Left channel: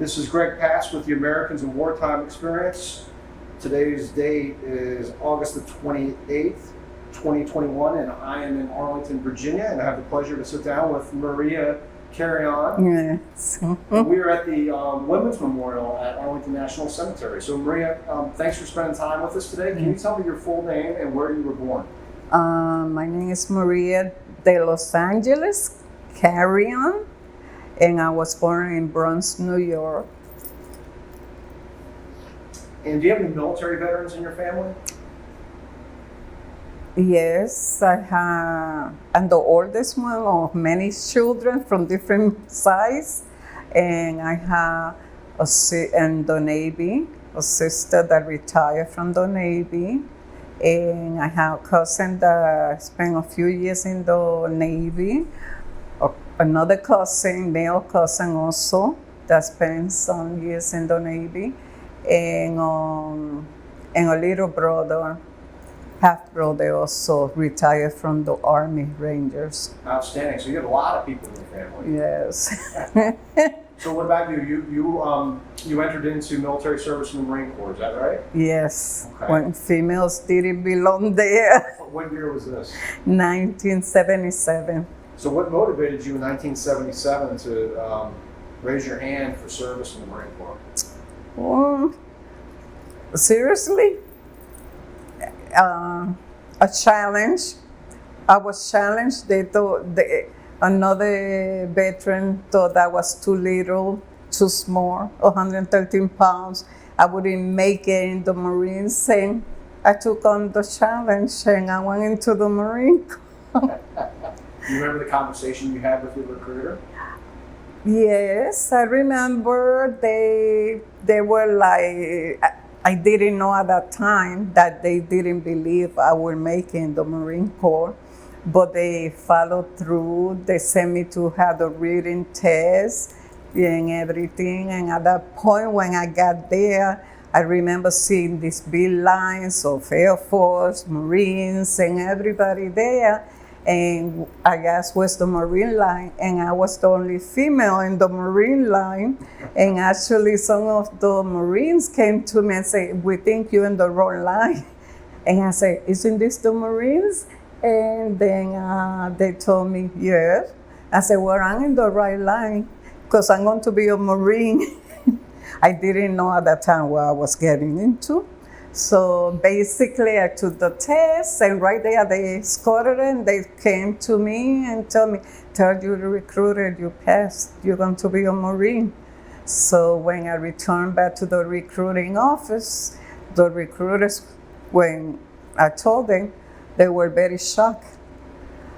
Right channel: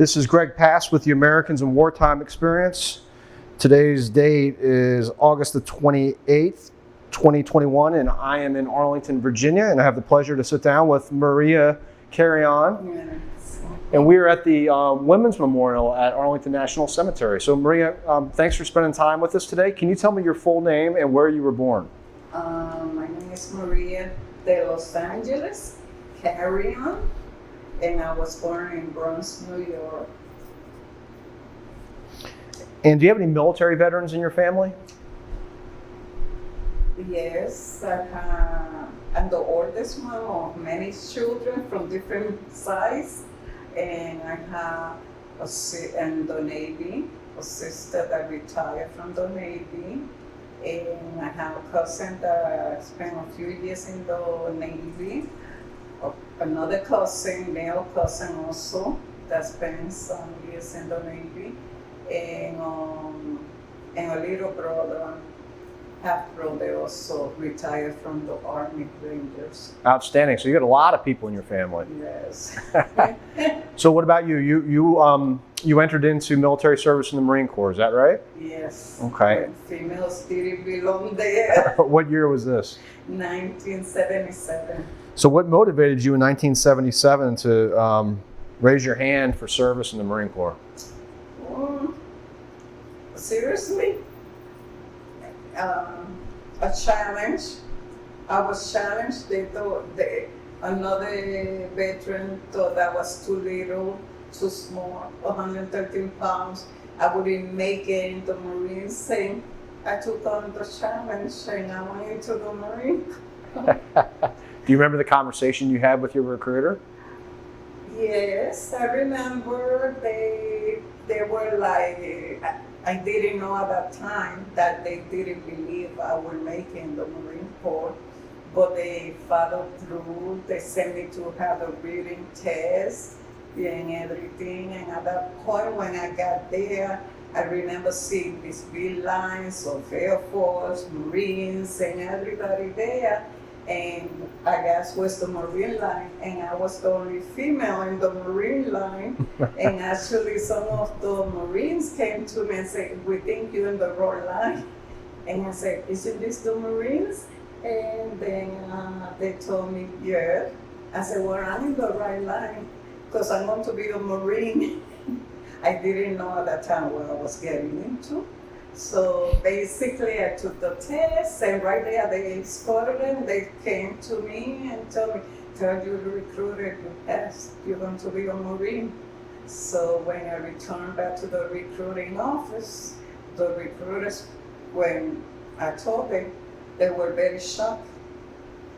This is Greg Pass with the Americans in Wartime Experience. Today's date is August the 28th, 2021, and I am in Arlington, Virginia, and I have the pleasure to sit down with Maria Carrion. Yes. And we are at the Women's Memorial at Arlington National Cemetery. So Maria, thanks for spending time with us today. Can you tell me your full name and where you were born? My name is Maria de Los Angeles Carrion, and I was born in Bronx, New York. And do you have any military veterans in your family? Yes, I'm the oldest one of many children from different sides, and I have in the Navy, a sister that retired from the Navy, and I have a cousin that spent a few years in the Navy, another cousin, male cousin also, that spent some years in the Navy, and a little brother, half brother also retired from the Army Rangers. Outstanding. So you got a lot of people in your family. Yes. So what about you? You entered into military service in the Marine Corps, is that right? Yes. Okay. When females didn't belong there. What year was this? 1977. So what motivated you in 1977 to raise your hand for service in the Marine Corps? Seriously? A challenge. I was challenged. They thought another veteran thought I was too little, too small, 113 pounds. I wouldn't make it in the Marines, and I took on the challenge and I went into the Marine Corps. Do you remember the conversation you had with your recruiter? Yes, I remember they were like, I didn't know at that time that they didn't believe I would make it in the Marine Corps, but they followed through. They sent me to have the reading test and everything. And at that point, when I got there, I remember seeing these big lines of Air Force, Marines, and everybody there. And I guess was the Marine line, and I was the only female in the Marine line. And actually some of the Marines came to me and said, "We think you're in the wrong line." And I said, "Isn't this the Marines?" And then they told me, "Yes." I said, "Well, I'm in the right line because I'm going to be a Marine." I didn't know at that time what I was getting into. So basically I took the test, and right there they escorted and they came to me and told me, "Tell your recruiter you passed, you're going to be a Marine." So when I returned back to the recruiting office, the recruiters, when I told them, they were very shocked.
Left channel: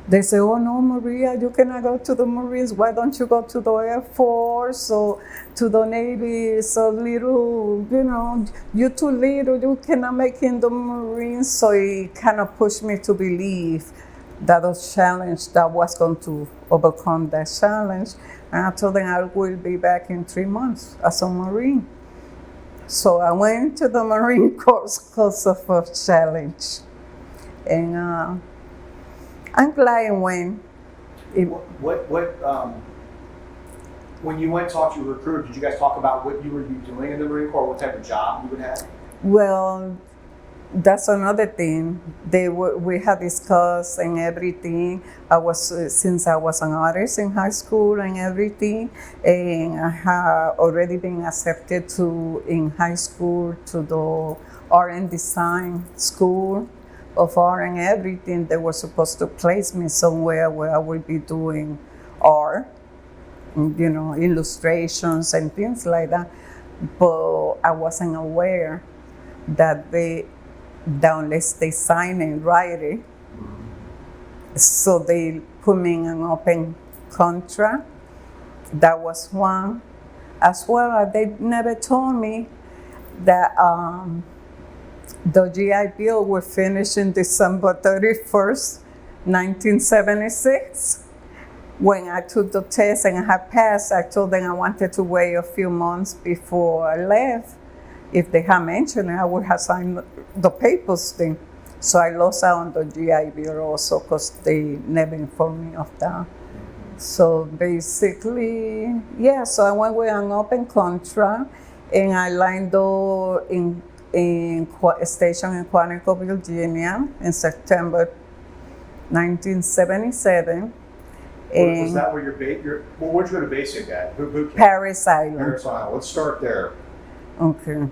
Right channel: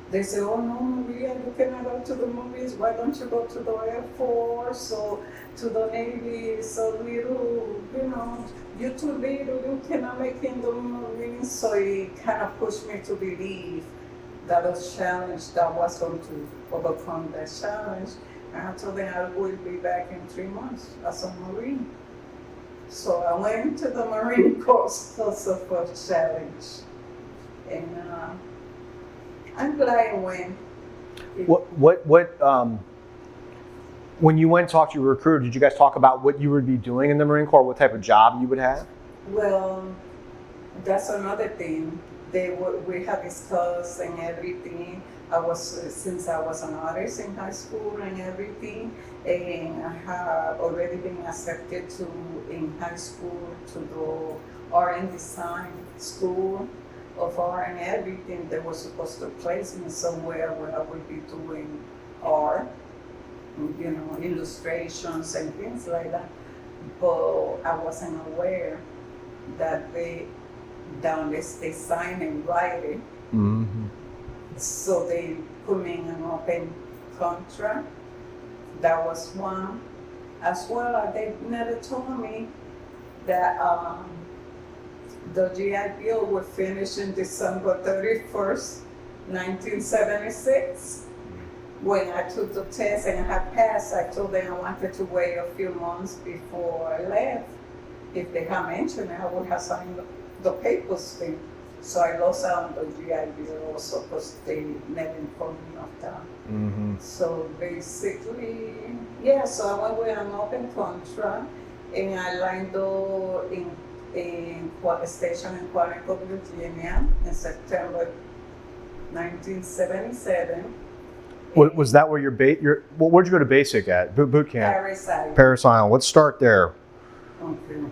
They say, "Oh no, Maria, you cannot go to the Marines. Why don't you go to the Air Force or to the Navy? It's a little, you're too little, you cannot make it in the Marines." So it kind of pushed me to believe that was challenge, that was going to overcome that challenge. And I told them I will be back in 3 months as a Marine. So I went to the Marine Corps because of a challenge. And I'm glad I went. When you went and talked to your recruiter, did you guys talk about what you would be doing in the Marine Corps, what type of job you would have? Well, that's another thing. We had discussed and everything. Since I was an artist in high school and everything, and I had already been accepted in high school to the art and design school of art and everything. They were supposed to place me somewhere where I would be doing art, illustrations and things like that. But I wasn't aware that unless they sign and write it, so they put me in an open contract. That was one. As well, they never told me that the GI Bill will finish in December 31st, 1976. When I took the test and I had passed, I told them I wanted to wait a few months before I left. If they had mentioned it, I would have signed the papers thing. So I lost out on the GI Bill also because they never informed me of that. So basically, yeah, so I went with an open contract and I lined up station in Quantico, Virginia in September 1977. Was that where where'd you go to basic at? Boot camp? Paris Island. Paris Island. Let's start there. Okay.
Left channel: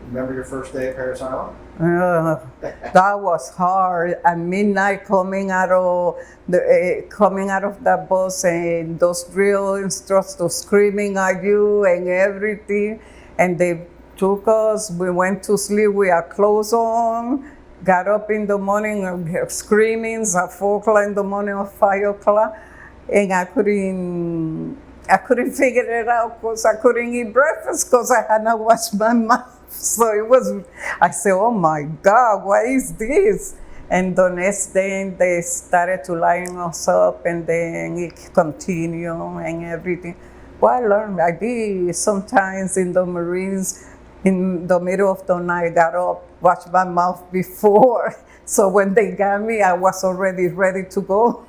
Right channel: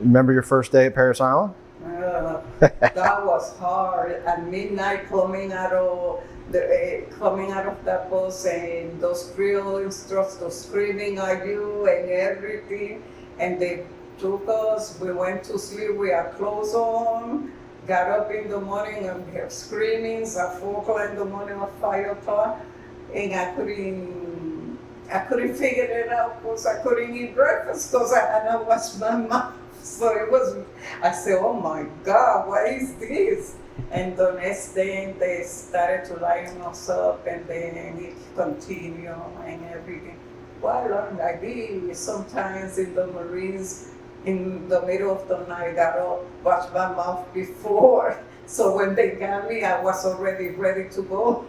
Remember your first day at Paris Island? That was hard. At midnight, coming out of the bus, and those drill instructors screaming at you and everything. And they took us. We went to sleep with our clothes on. Got up in the morning and screaming at 4 o'clock in the morning or 5 o'clock, and I couldn't figure it out because I couldn't eat breakfast because I had not washed my mouth. So I said, oh my God, what is this? And the next day they started to line us up and then it continued and everything. Well, I learned, I did sometimes in the Marines, in the middle of the night, got up, washed my mouth before. So when they got me, I was already ready to go.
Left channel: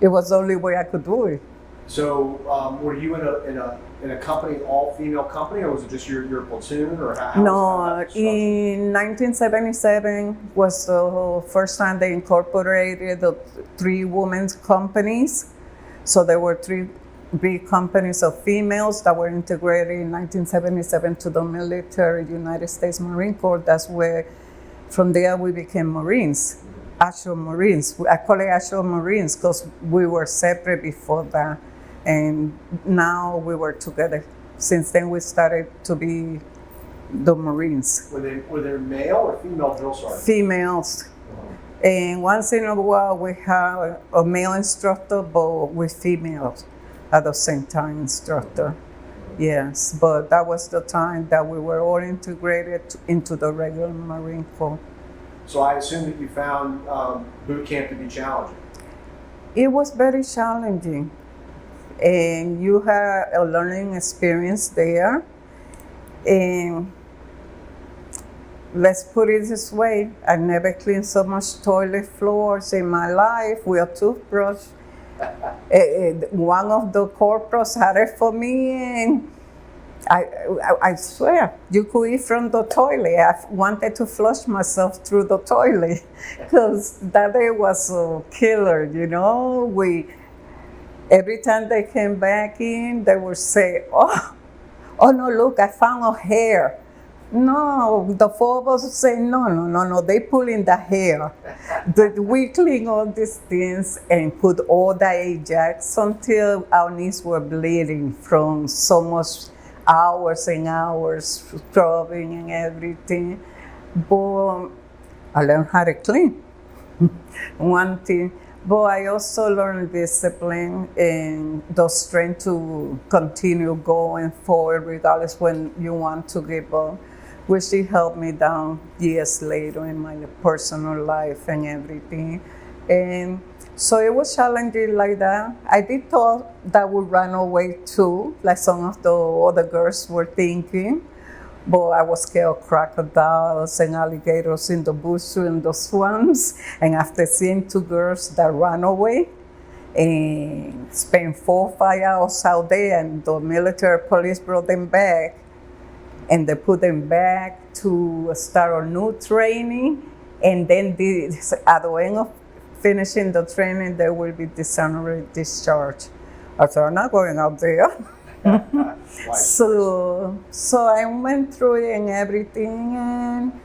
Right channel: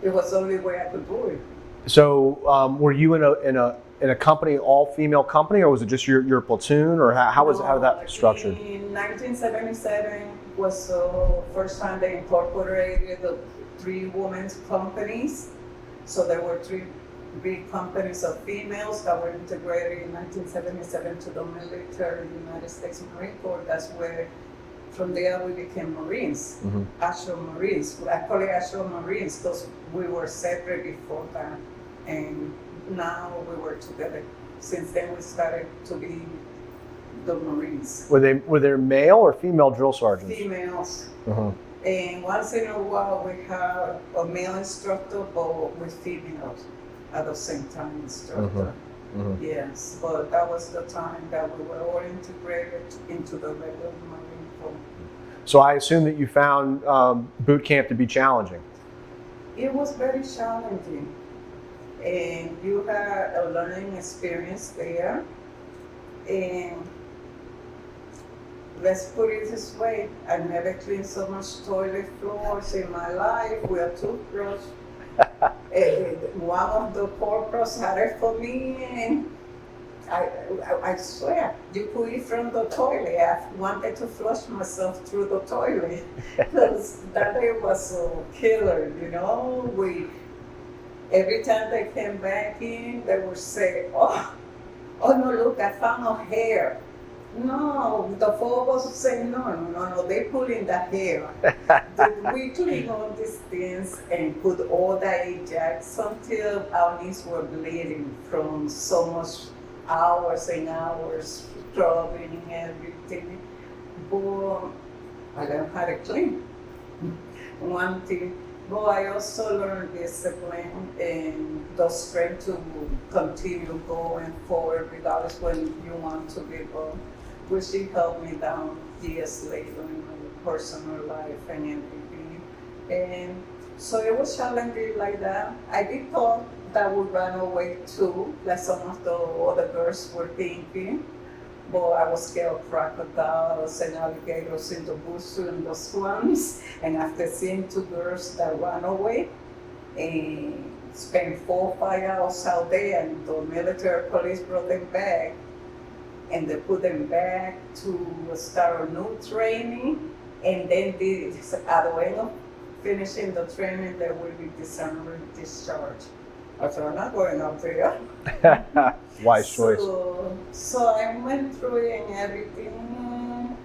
It was the only way I could do it. So were you in a company, all female company, or was it just your platoon, or how was that structured? In 1977 was the first time they incorporated the 3 women's companies. So there were 3 big companies of females that were integrated in 1977 to the military United States Marine Corps. That's where, from there we became Marines, actual Marines. I call it actual Marines because we were separate before that. And now we were together. Since then we started to be the Marines. Were there male or female drill sergeants? Females. And once in a while we have a male instructor, but with females at the same time instructor. Yes, but that was the time that we were all integrated into the regular Marine Corps. So I assume that you found boot camp to be challenging. It was very challenging. And you had a learning experience there. And let's put it this way, I never cleaned so much toilet floors in my life with a toothbrush. One of the corporals had it for me, and I swear, you could eat from the toilet. I wanted to flush myself through the toilet because that day was a killer, you know. Every time they came back in, they would say, oh no, look, I found a hair. No, the 4 of us would say, no, they pull in the hair. We clean all these things and put all the Ajax until our knees were bleeding from so much hours and hours scrubbing and everything. But I learned how to clean. One thing. But I also learned discipline and the strength to continue going forward regardless when you want to give up, which it helped me down years later in my personal life and everything. And so it was challenging like that. I did thought that would run away too, like some of the other girls were thinking. But I was scared of crocodiles and alligators in the bush and the swamps. And after seeing 2 girls that ran away and spent 4 or 5 hours out there, and the military police brought them back, and they put them back to start a new training. And then at the end of finishing the training, they will be dishonorary discharge. I said, I'm not going out there. Wise choice. So I went through it and everything, and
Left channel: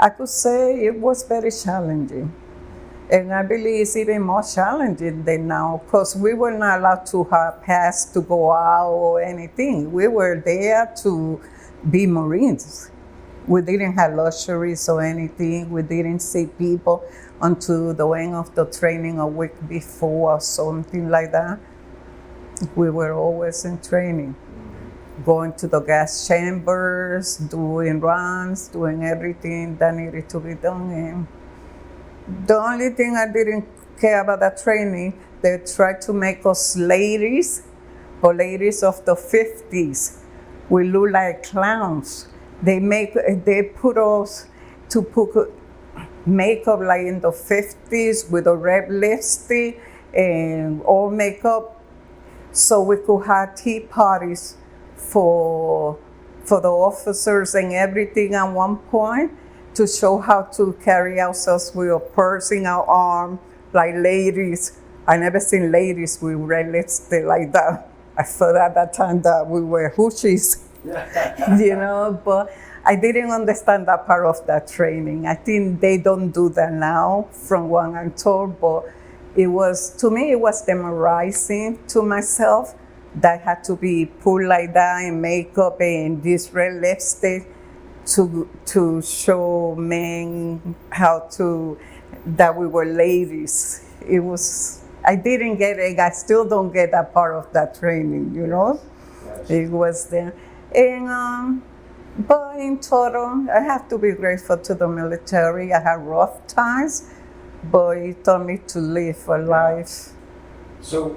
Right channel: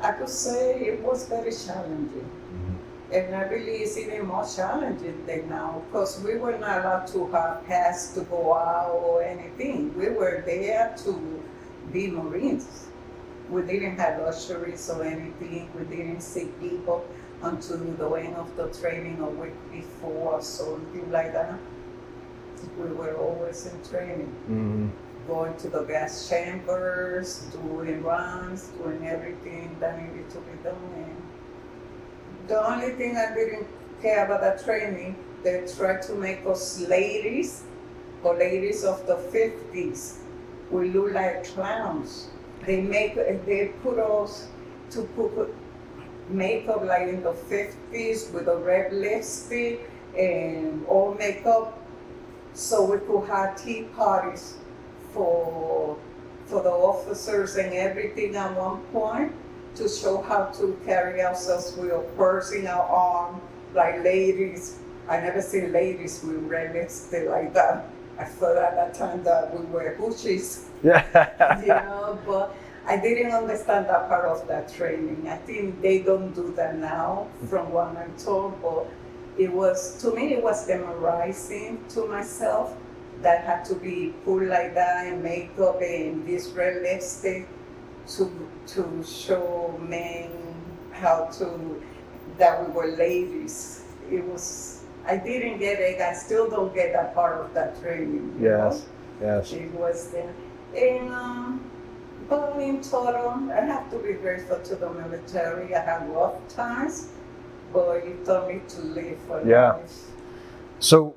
I could say it was very challenging. And I believe it's even more challenging than now, because we were not allowed to have pass to go out or anything. We were there to be Marines. We didn't have luxuries or anything. We didn't see people until the end of the training a week before or something like that. We were always in training, going to the gas chambers, doing runs, doing everything that needed to be done. And the only thing I didn't care about that training, they tried to make us ladies, but ladies of the 50s. We look like clowns. They put us to put makeup like in the 50s with a red lipstick and all makeup, so we could have tea parties for the officers and everything at one point, to show how to carry ourselves with a purse in our arm, like ladies. I never seen ladies with red lipstick like that. I thought at that time that we were hoochies, Yeah. but I didn't understand that part of that training. I think they don't do that now, from what I'm told, but to me, it was demoralizing to myself that had to be put like that in makeup and this red lipstick to show men that we were ladies. I didn't get it. I still don't get that part of that training, you know? Yes. It was there. And, but in total, I have to be grateful to the military. I had rough times, but it taught me to live a life. So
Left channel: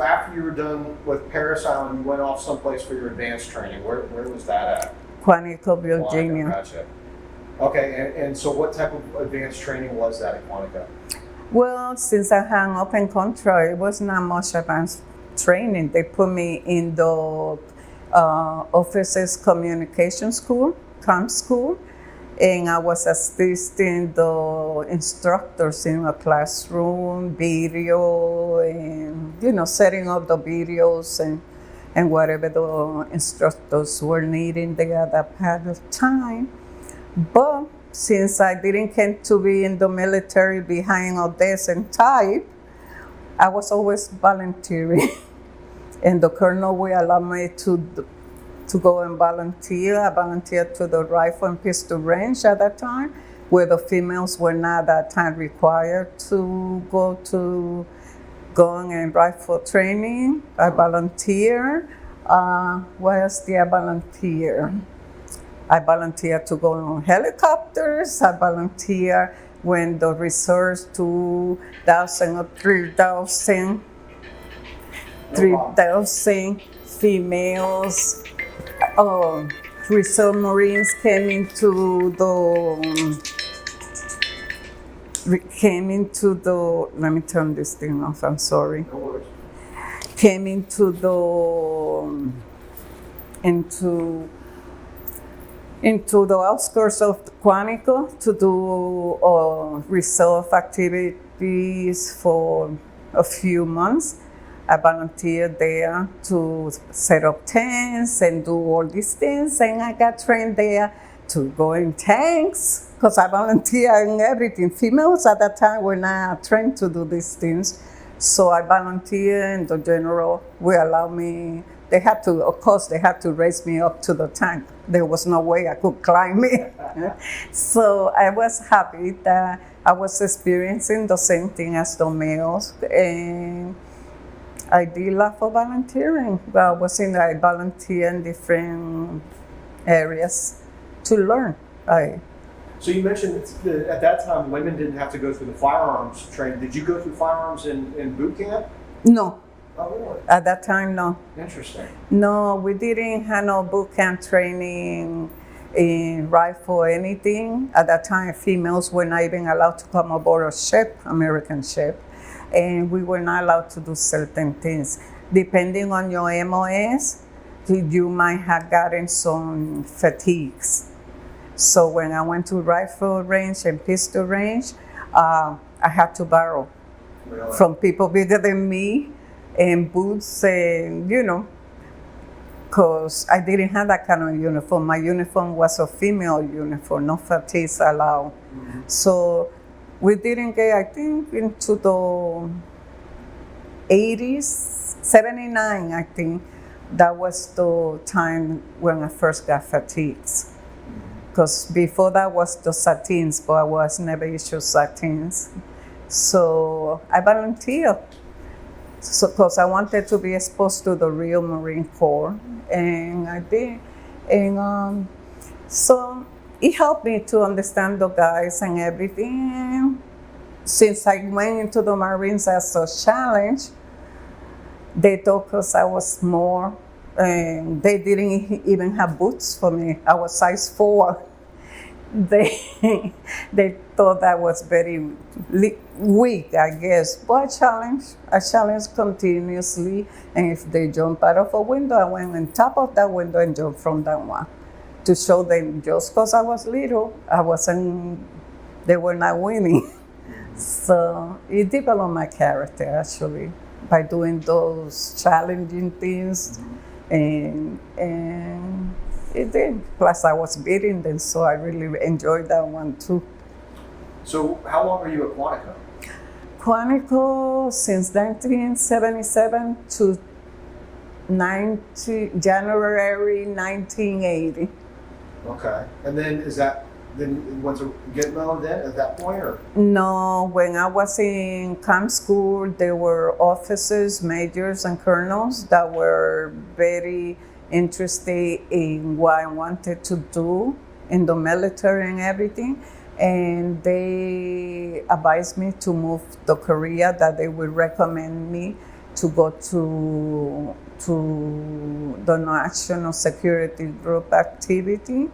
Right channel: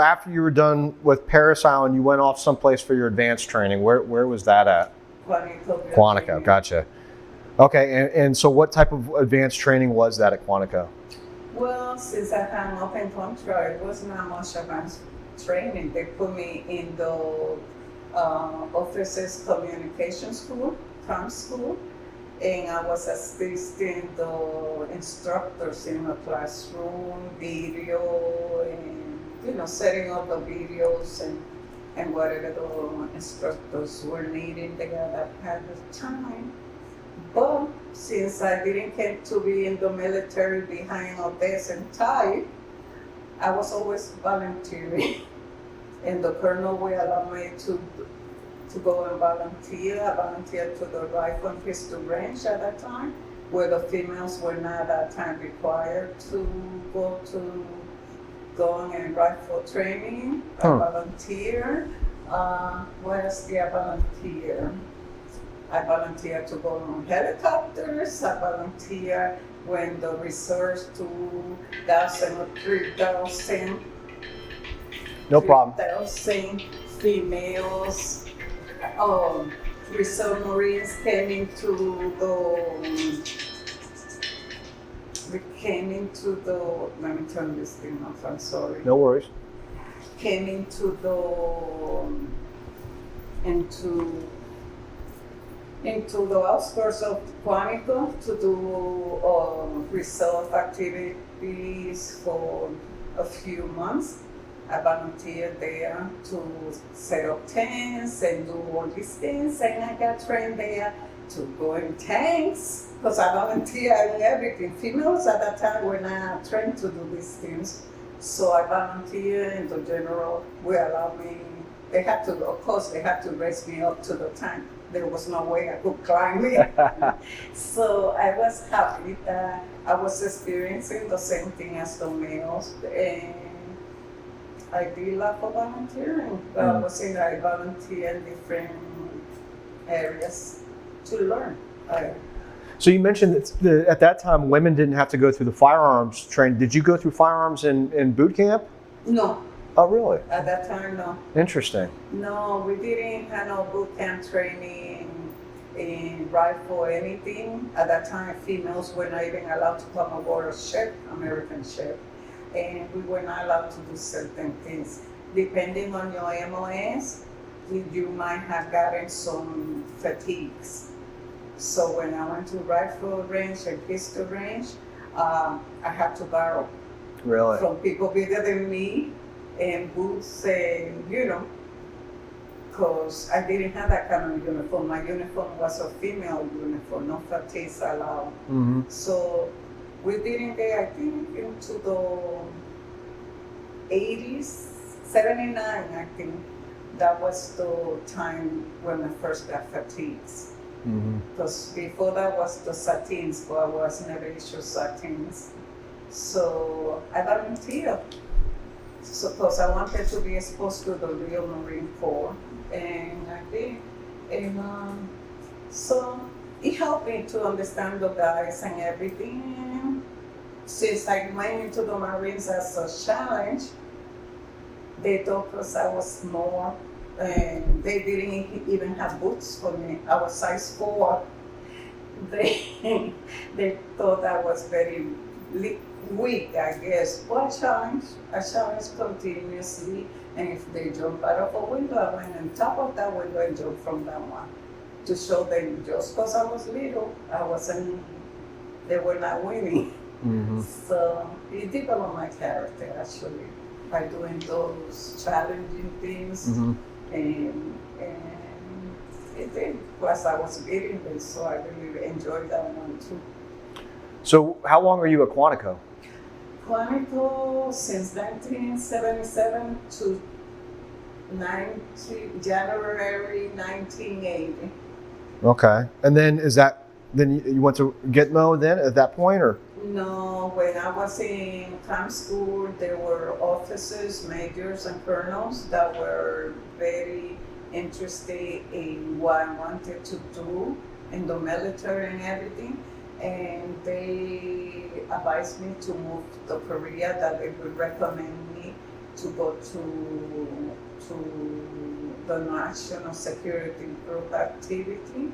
after you were done with Paris Island, you went off someplace for your advanced training. Where was that at? Quantico, Virginia. Quantico, gotcha. Okay, and so what type of advanced training was that at Quantico? Well, since I had an open contract, it was not much advanced training. They put me in the officers communication school, COM school, and I was assisting the instructors in a classroom, video, and setting up the videos and whatever the instructors were needing there at that part of time. But since I didn't get to be in the military behind a desk and type, I was always volunteering. And the colonel will allow me to go and volunteer. I volunteered to the rifle and pistol range at that time, where the females were not at that time required to go to gun and rifle training. I volunteered. What else did I volunteer? I volunteered to go on helicopters. I volunteered when the research 2,000 or 3,000. No problem. 3,000 females, reserve Marines came into the, let me turn this thing off, I'm sorry. No worries. Came into the outskirts of Quantico to do reserve activities for a few months. I volunteered there to set up tents and do all these things, and I got trained there to go in tanks, because I volunteered in everything. Females at that time were not trained to do these things, so I volunteered, and the general will allow me. They had to raise me up to the tank. There was no way I could climb it. So I was happy that I was experiencing the same thing as the males, and I did love for volunteering. I volunteered in different areas to learn. So you mentioned that at that time women didn't have to go through the firearms training. Did you go through firearms in boot camp? No. Oh, really? At that time, no. Interesting. No, we didn't have no boot camp training in rifle or anything. At that time, females were not even allowed to come aboard a ship, American ship, and we were not allowed to do certain things. Depending on your MOS, you might have gotten some fatigues. So when I went to rifle range and pistol range, I had to borrow from people bigger than me, and boots, and because I didn't have that kind of uniform. My uniform was a female uniform, no fatigues allowed. Mm-hmm. So we didn't get, I think, into the 80s, 79, I think. That was the time when I first got fatigues. Because before that was the satins, but I was never issued satins. So I volunteered. So, because I wanted to be exposed to the real Marine Corps, and I did. And so it helped me to understand the guys and everything. Since I went into the Marines as a challenge, they thought because I was small, and they didn't even have boots for me. I was size 4. they they thought I was very weak, I guess. But I challenge continuously. And if they jump out of a window, I went on top of that window and jumped from that one to show them just because I was little, I wasn't. They were not winning. Mm-hmm. So it developed my character actually by doing those challenging things, Mm-hmm. and it did. Plus, I was beating them, so I really enjoyed that one too. So how long were you at Quantico? Quantico since 1977 to January 1980. Okay. And then then you went to Gitmo then at that point, or? No, when I was in camp school, there were officers, majors, and colonels that were very interested in what I wanted to do in the military and everything. And they advised me to move to Korea, that they would recommend me to go to the National Security Group activity.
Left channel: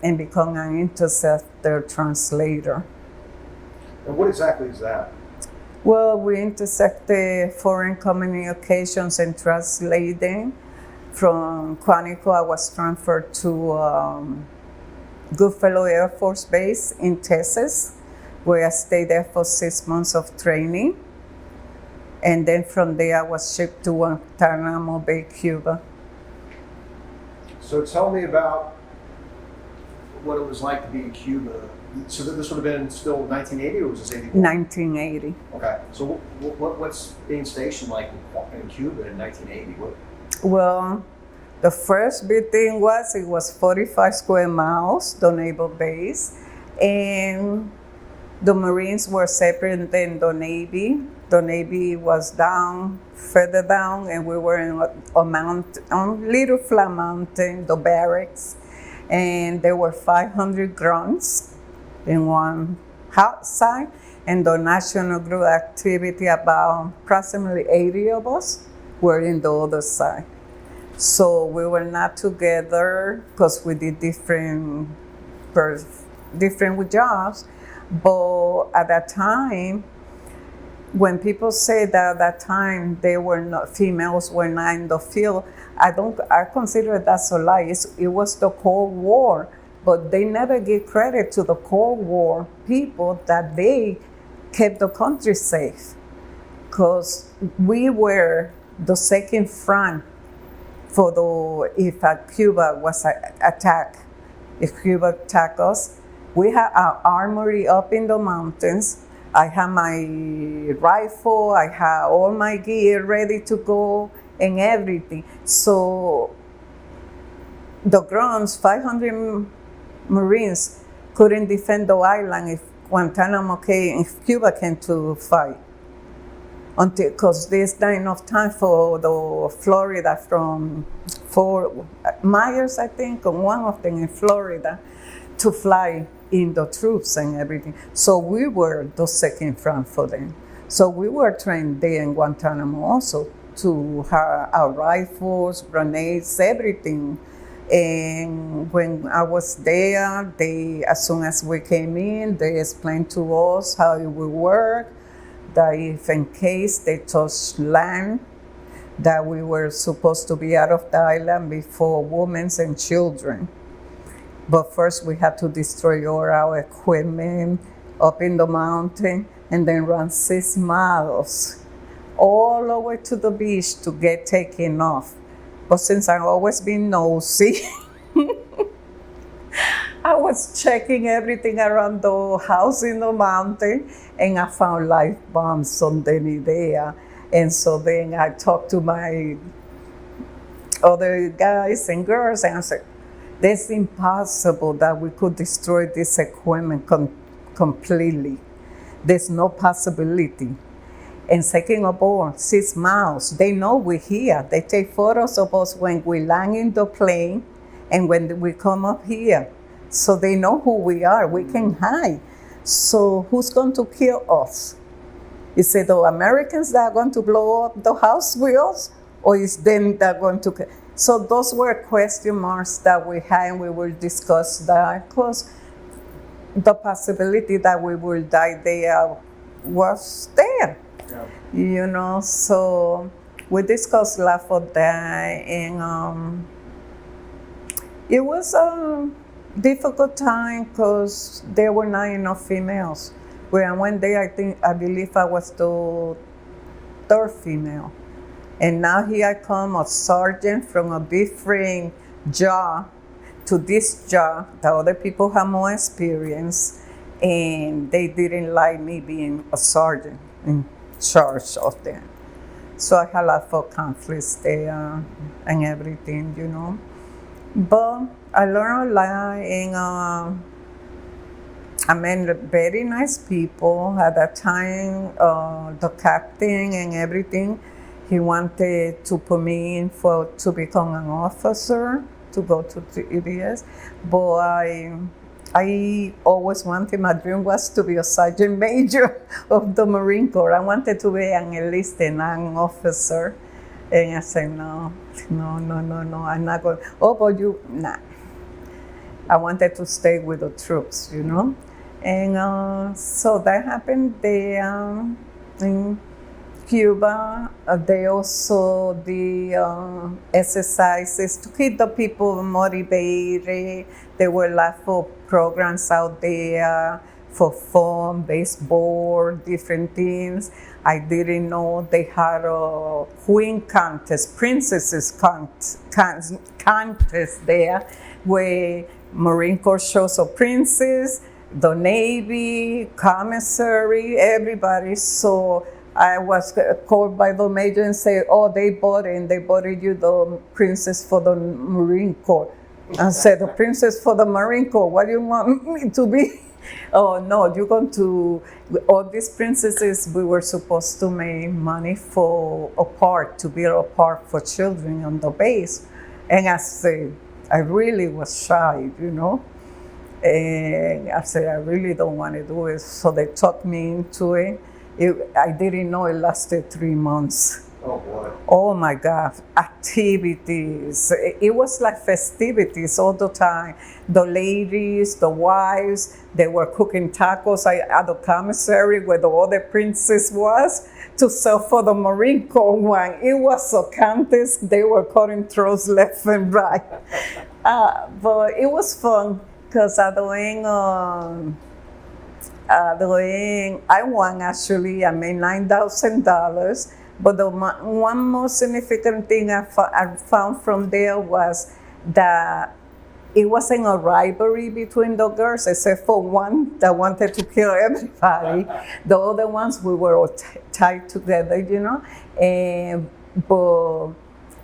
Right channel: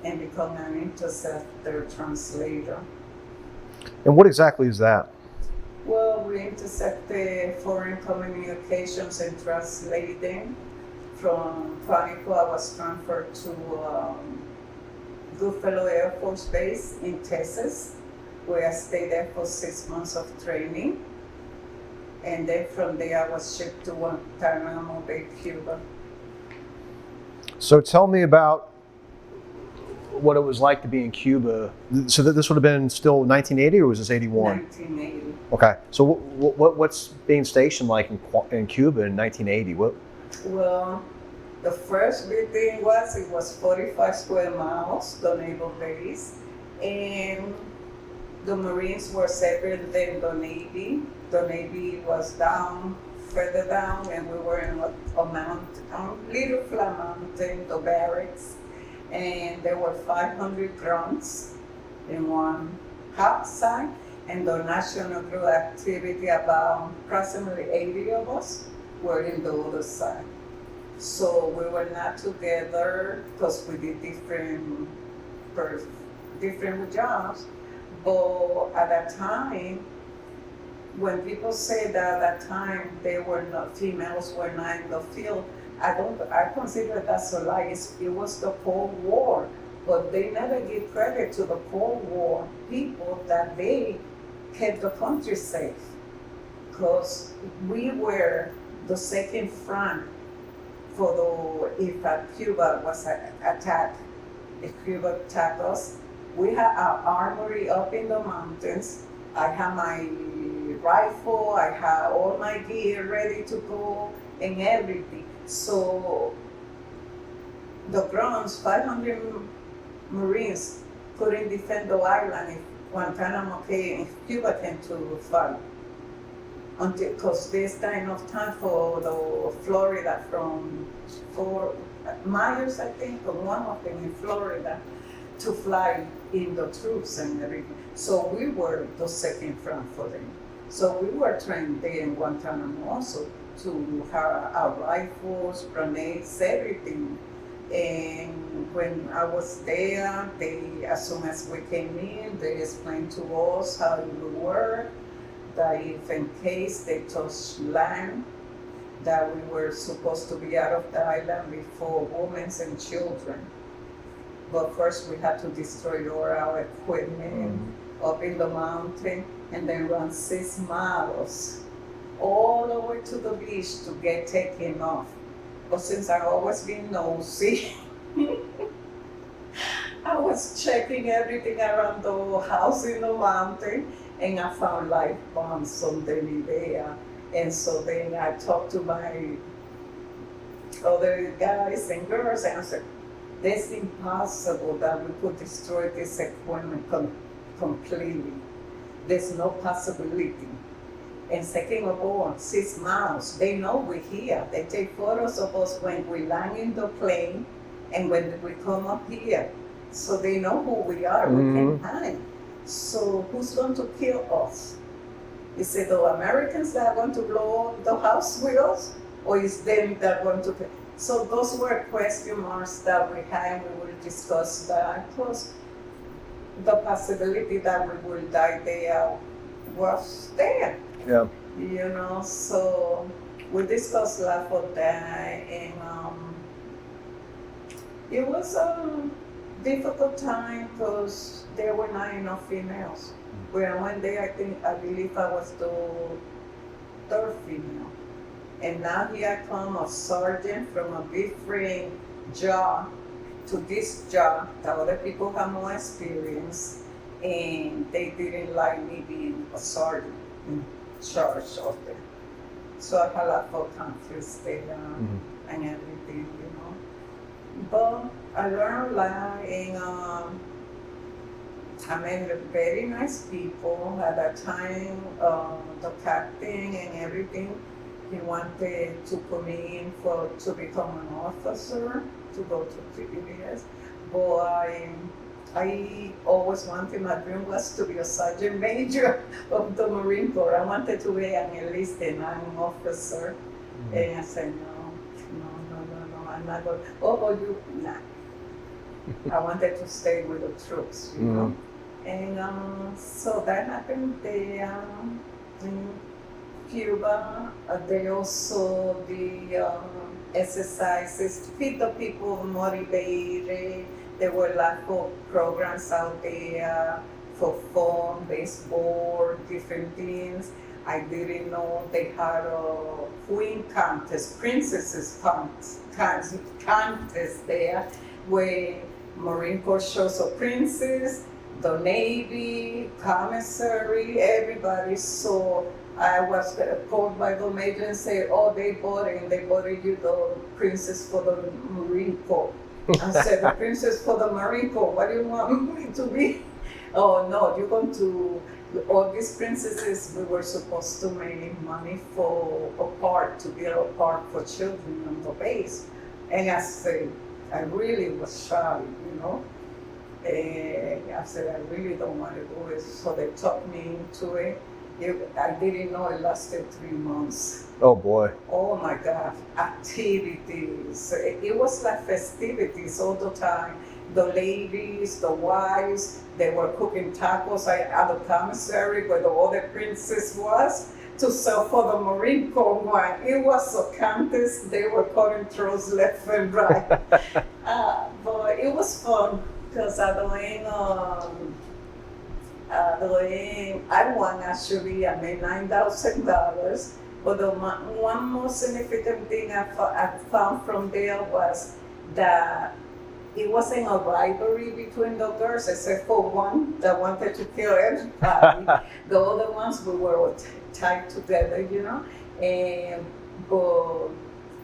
And become an interceptor translator. And what exactly is that? Well, we intercept the foreign communications and translate them. From Quantico, I was transferred to Goodfellow Air Force Base in Texas, where I stayed there for 6 months of training. And then from there, I was shipped to Guantanamo Bay, Cuba. So tell me about what it was like to be in Cuba. So this would have been still 1980, or was this 81? 1980. Okay. So what's being stationed like in Cuba in 1980? What? Well, the first big thing was it was 45 square miles, the naval base, and the Marines were separate than the Navy. The Navy was further down, and we were in a mountain, on little flat mountain, the barracks, and there were 500 grunts in one hot side, and the National Group activity, about approximately 80 of us were in the other side. So we were not together because we did different with jobs. But at that time, when people say that at that time females were not in the field, I consider that's a lie. It was the Cold War, but they never give credit to the Cold War people that they kept the country safe, because we were the second front for if Cuba was attacked. If Cuba attacked us, we had our armory up in the mountains. I had my rifle, I had all my gear ready to go and everything. So the grunts, 500 Marines, couldn't defend the island if if Cuba came to fight. Because there's not enough time for the Florida from Fort Myers, I think, or one of them in Florida, to fly in the troops and everything. So we were the second front for them. So we were trained there in Guantanamo also to have our rifles, grenades, everything. And when I was there, as soon as we came in, they explained to us how it would work, that if in case they touched land, that we were supposed to be out of the island before women and children. But first we had to destroy all our equipment up in the mountain, and then run 6 miles all the way to the beach to get taken off. But since I've always been nosy, I was checking everything around the house in the mountain, and I found live bombs underneath there. And so then I talked to my other guys and girls, and I said, "It's impossible that we could destroy this equipment completely. There's no possibility." And second of all, 6 miles, they know we're here. They take photos of us when we land in the plane and when we come up here. So they know who we are. We can hide. So who's going to kill us? Is it the Americans that are going to blow up the house with us? Or is them that are going to kill? So those were question marks that we had, and we will discuss that. Plus, the possibility that we will die there was there. Yeah. So we discussed a lot of that, and it was a difficult time because there were not enough females. When one day I believe I was the third female. And now here I come, a sergeant from a different job to this job. The other people have more experience, and they didn't like me being a sergeant in charge of them. So I had a lot of conflicts there and everything. But I learned a lot, and I met very nice people. At that time, the captain and everything, he wanted to put me in to become an officer, to go to the EDS. But I always wanted, my dream was to be a sergeant major of the Marine Corps. I wanted to be an enlisted, not an officer. And I said, no, I'm not going. Oh, but nah. I wanted to stay with the troops, And so that happened there in Cuba. They also did exercises to keep the people motivated. There were a lot of programs out there for fun, baseball, different things. I didn't know they had a queen contest, princesses contest there, where Marine Corps shows a princess, the Navy, commissary, everybody. So I was called by the major and say, oh, they bought you the princess for the Marine Corps. I said, the princess for the Marine Corps, what do you want me to be? Oh, no, you're going to, all these princesses, we were supposed to make money for to build a park for children on the base. And I said, I really was shy, And I said, I really don't want to do it. So they talked me into it. I didn't know it lasted 3 months. Oh boy. Oh my God, activities. It was like festivities all the time. The ladies, the wives, they were cooking tacos at the commissary where the other princess was to sell for the Marine Corps wine. It was a contest. They were cutting throats left and right. But it was fun because I won actually. I made $9,000. But the one most significant thing I found from there was that it wasn't a rivalry between the girls, except for one that wanted to kill everybody. The other ones, we were all tied together, but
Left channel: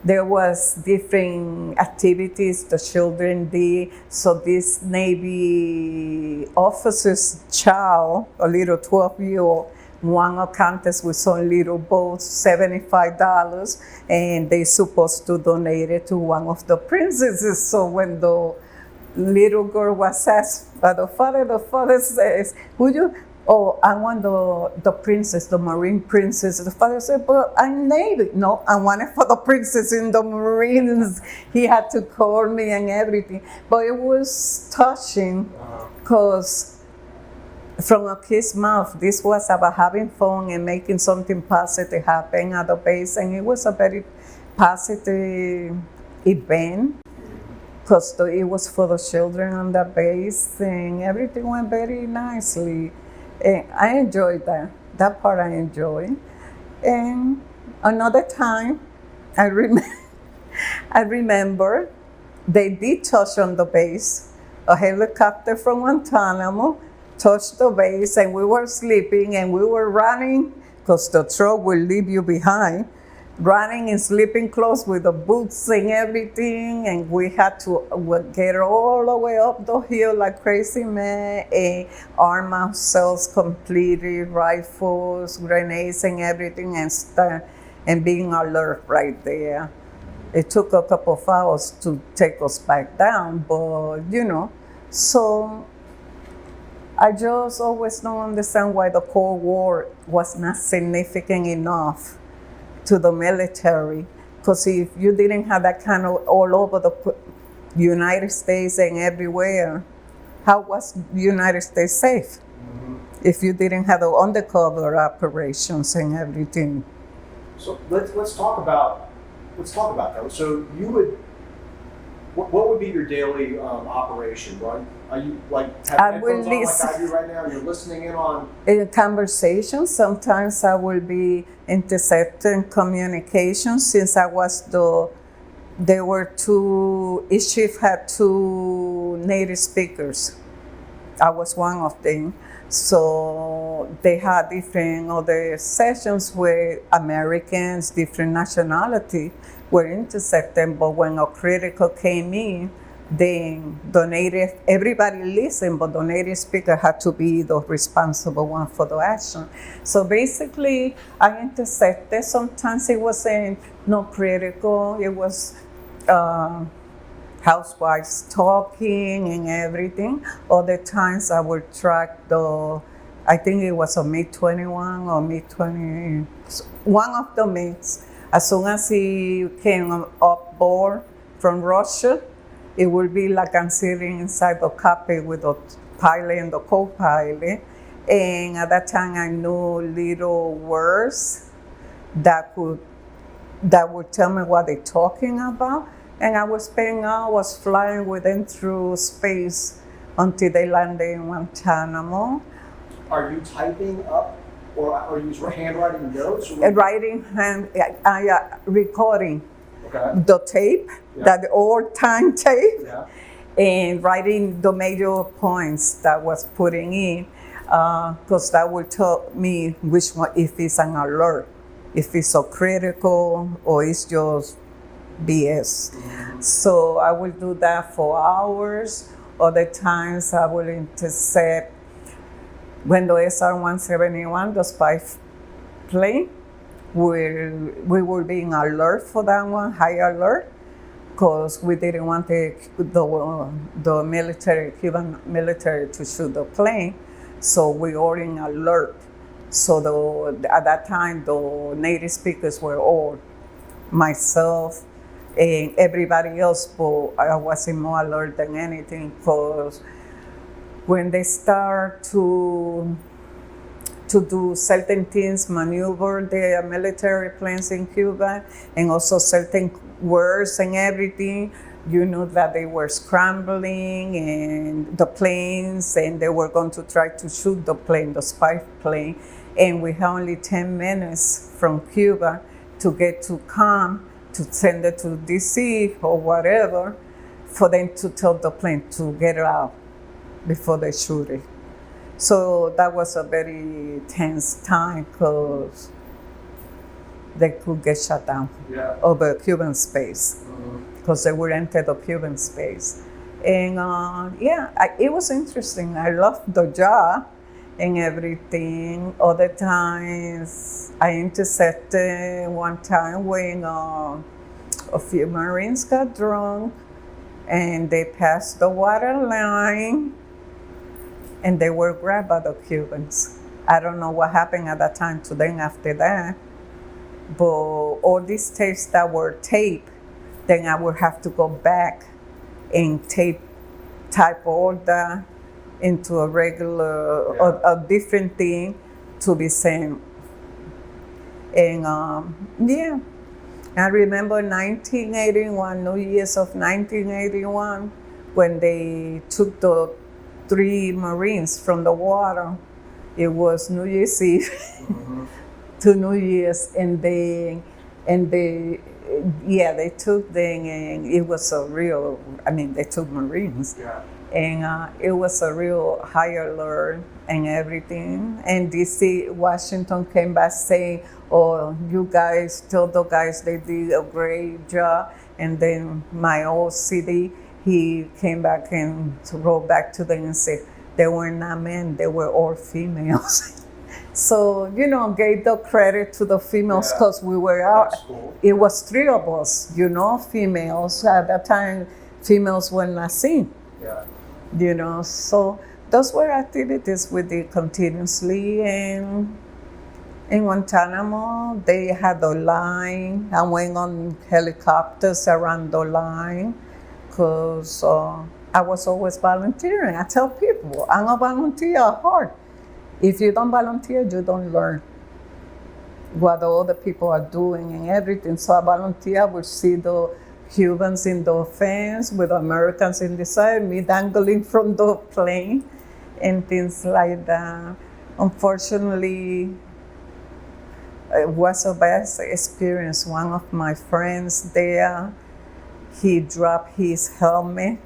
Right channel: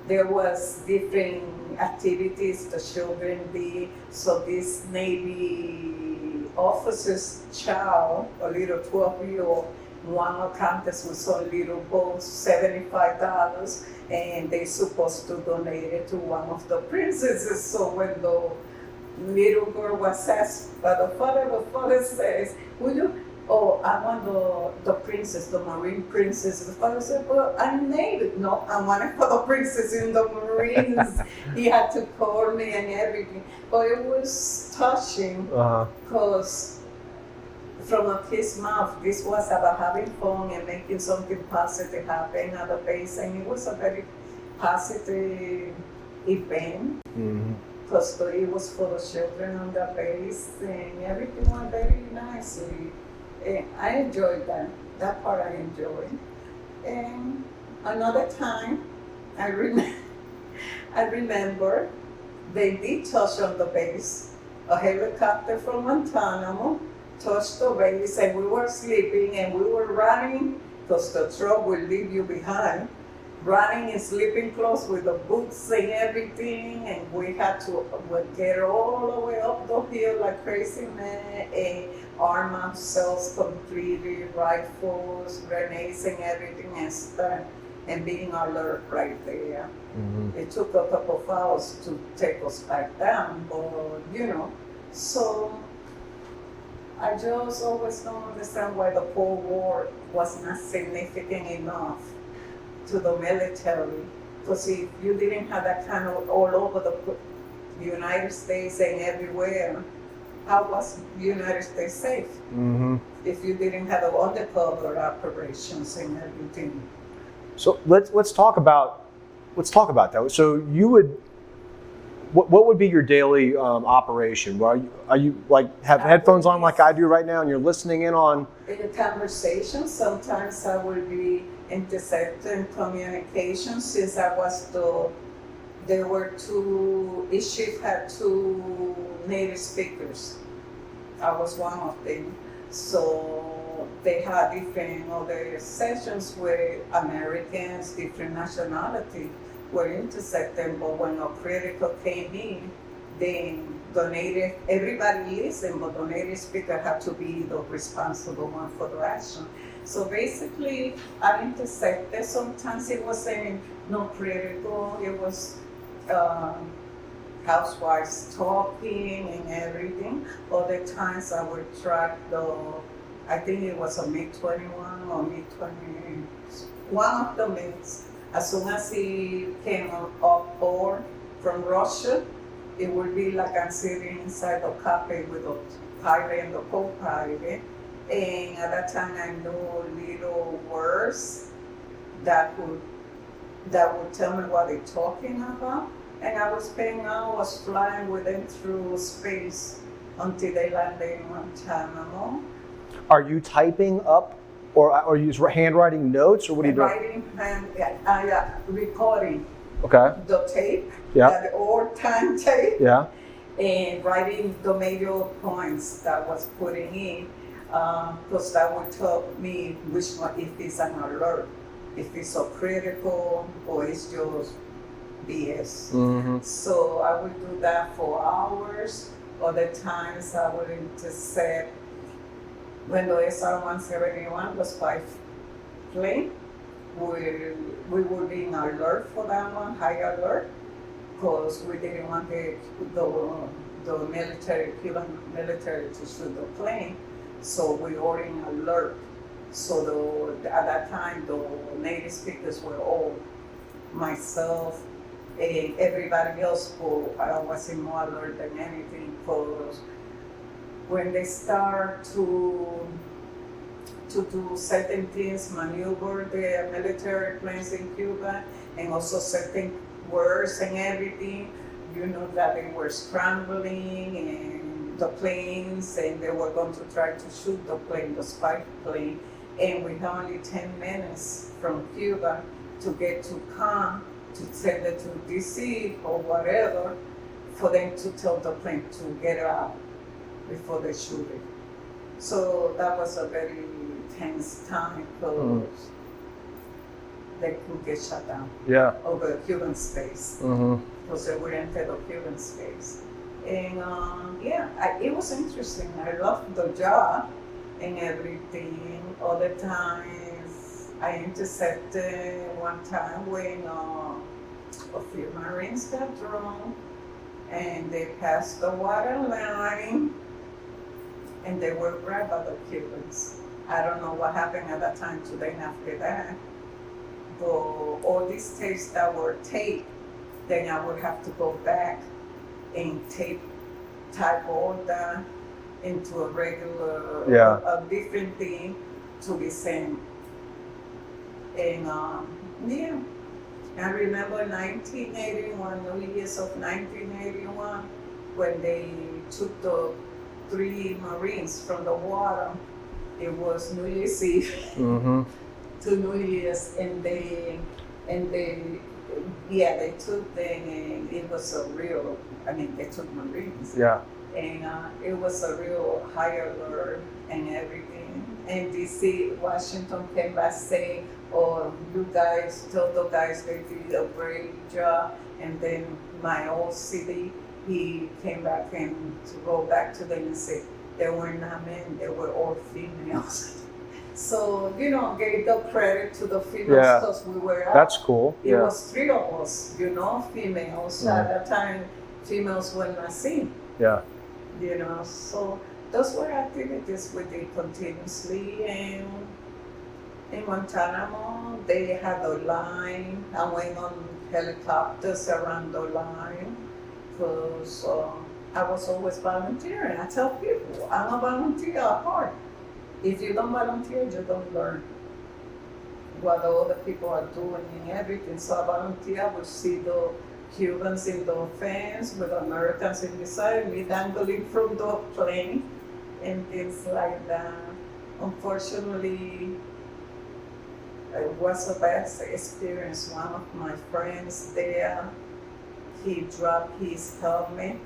there was different activities the children did. So this Navy officer's child, a little 12-year-old, won a contest with some little boats, $75, and they supposed to donate it to one of the princesses. So when the little girl was asked by the father says, "Would you?" "Oh, I want the princess, the Marine princess." The father said, "But I'm Navy." "No, I want it for the princess in the Marines." He had to call me and everything, but it was touching because. From a kid's mouth, this was about having fun and making something positive happen at the base, and it was a very positive event because it was for the children on the base, and everything went very nicely. And I enjoyed that. That part I enjoyed. And another time, I remember they did touch on the base. A helicopter from Guantanamo touched the base, and we were sleeping and we were running because the truck will leave you behind, running in sleeping clothes with the boots and everything, and we had to get all the way up the hill like crazy men and arm ourselves completely, rifles, grenades and everything, and being alert right there. It took a couple of hours to take us back down, but so I just always don't understand why the Cold War was not significant enough to the military Because if you didn't have that kind of all over the United States and everywhere, how was the United States safe? Mm-hmm. If you didn't have the undercover operations and everything. So let's talk about that. So you would, what would be your daily operation? Are you like have headphones on like I do right now, and you're listening in on conversations? Sometimes I will be intercepting communications since I was there were each shift had 2 native speakers. I was one of them. So they had different other sessions where Americans, different nationality, were intercepted. But when a critical came in, then everybody listened, but the native speaker had to be the responsible one for the action. So basically, I intercepted. Sometimes it wasn't no critical. It was housewives talking and everything. Other times I would track I think it was a MiG-21 or MiG-20, one of the MiGs. As soon as he came up board from Russia, it would be like I'm sitting inside the cockpit with the pilot and the co-pilot. And at that time I knew little words that would tell me what they're talking about. And I was flying with them through space until they landed in Guantanamo. Are you typing up, or are you handwriting notes, or Recording okay, the tape, yeah, the old time tape, yeah, and writing the major points that was putting in, because that would tell me which one, if it's an alert, if it's so critical, or it's just BS. Mm-hmm. So I would do that for hours. Other times I would intercept when the SR-171, the spy plane, we were being alert for that one, high alert, because we didn't want the Cuban military to shoot the plane. So we were in alert. So at that time, the native speakers were all myself and everybody else, but I wasn't more alert than anything, because when they start to do certain things, maneuver the military planes in Cuba, and also certain words and everything, you know that they were scrambling and the planes, and they were going to try to shoot the plane, the spy plane, and we had only 10 minutes from Cuba to get to come, to send it to DC or whatever, for them to tell the plane to get out before they shoot it. So that was a very tense time, because they could get shut down over Cuban space, because they would enter the Cuban space. And it was interesting. I loved the job and everything. Other times I intercepted one time when a few Marines got drunk and they passed the water line and they were grabbed by the Cubans. I don't know what happened at that time to them after that, but all these tapes that were taped, then I would have to go back and type all that into a regular, a different thing to be sent. And I remember 1981, New Year's of 1981, when they took the 3 Marines from the water. It was New Year's Eve to New Year's, and they took them, and it was they took Marines. Yeah. And it was a real high alert and everything. And DC, Washington came back saying, "Oh, you guys, tell the guys they did a great job." And then my old city, he came back and wrote back to them and said, they were not men, they were all females. So, gave the credit to the females, because we were out. That's cool. It was 3 of us, females. At that time, females were not seen. Yeah. So those were activities we did continuously, and In Guantanamo, they had a line. I went on helicopters around the line because I was always volunteering. I tell people, I'm a volunteer at heart. If you don't volunteer, you don't learn what the other people are doing and everything. So I volunteer, I would see the Cubans in the fence with Americans in the side, me dangling from the plane and things like that. Unfortunately, it was a bad experience. One of my friends there, he dropped his helmet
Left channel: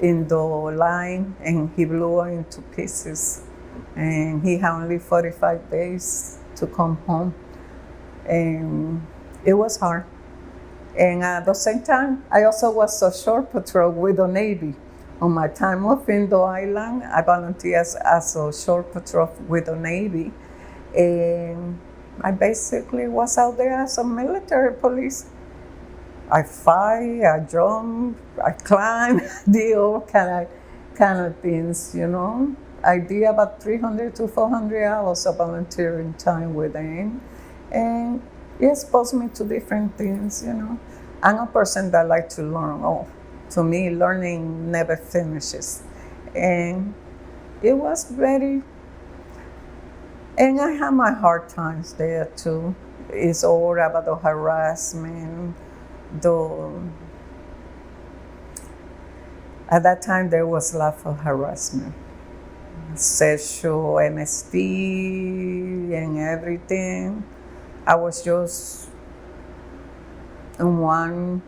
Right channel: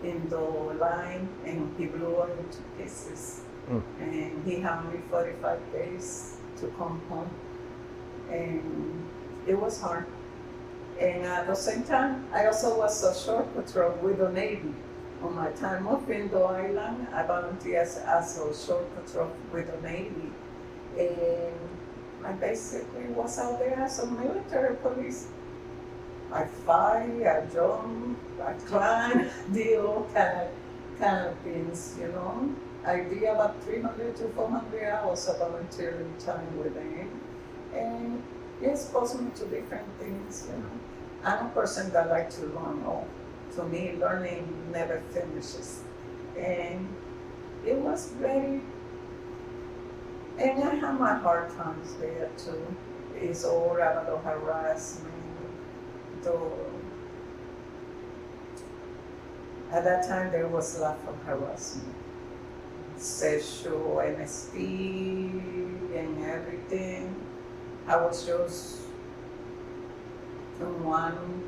in the line and he blew it into pieces. And he had only 45 days to come home. And it was hard. And at the same time, I also was a shore patrol with the Navy. On my time off in the island, I volunteered as a shore patrol with the Navy. And I basically was out there as a military police. I fight, I jump, I climb, did all kind of things, you know. I did about 300 to 400 hours of volunteering time with them. And it exposed me to different things, you know. I'm a person that likes to learn. Oh, to me, learning never finishes. And it was very, and I had my hard times there too. It's all about the harassment, at that time there was a lot of harassment, sexual MST and everything. I was just in when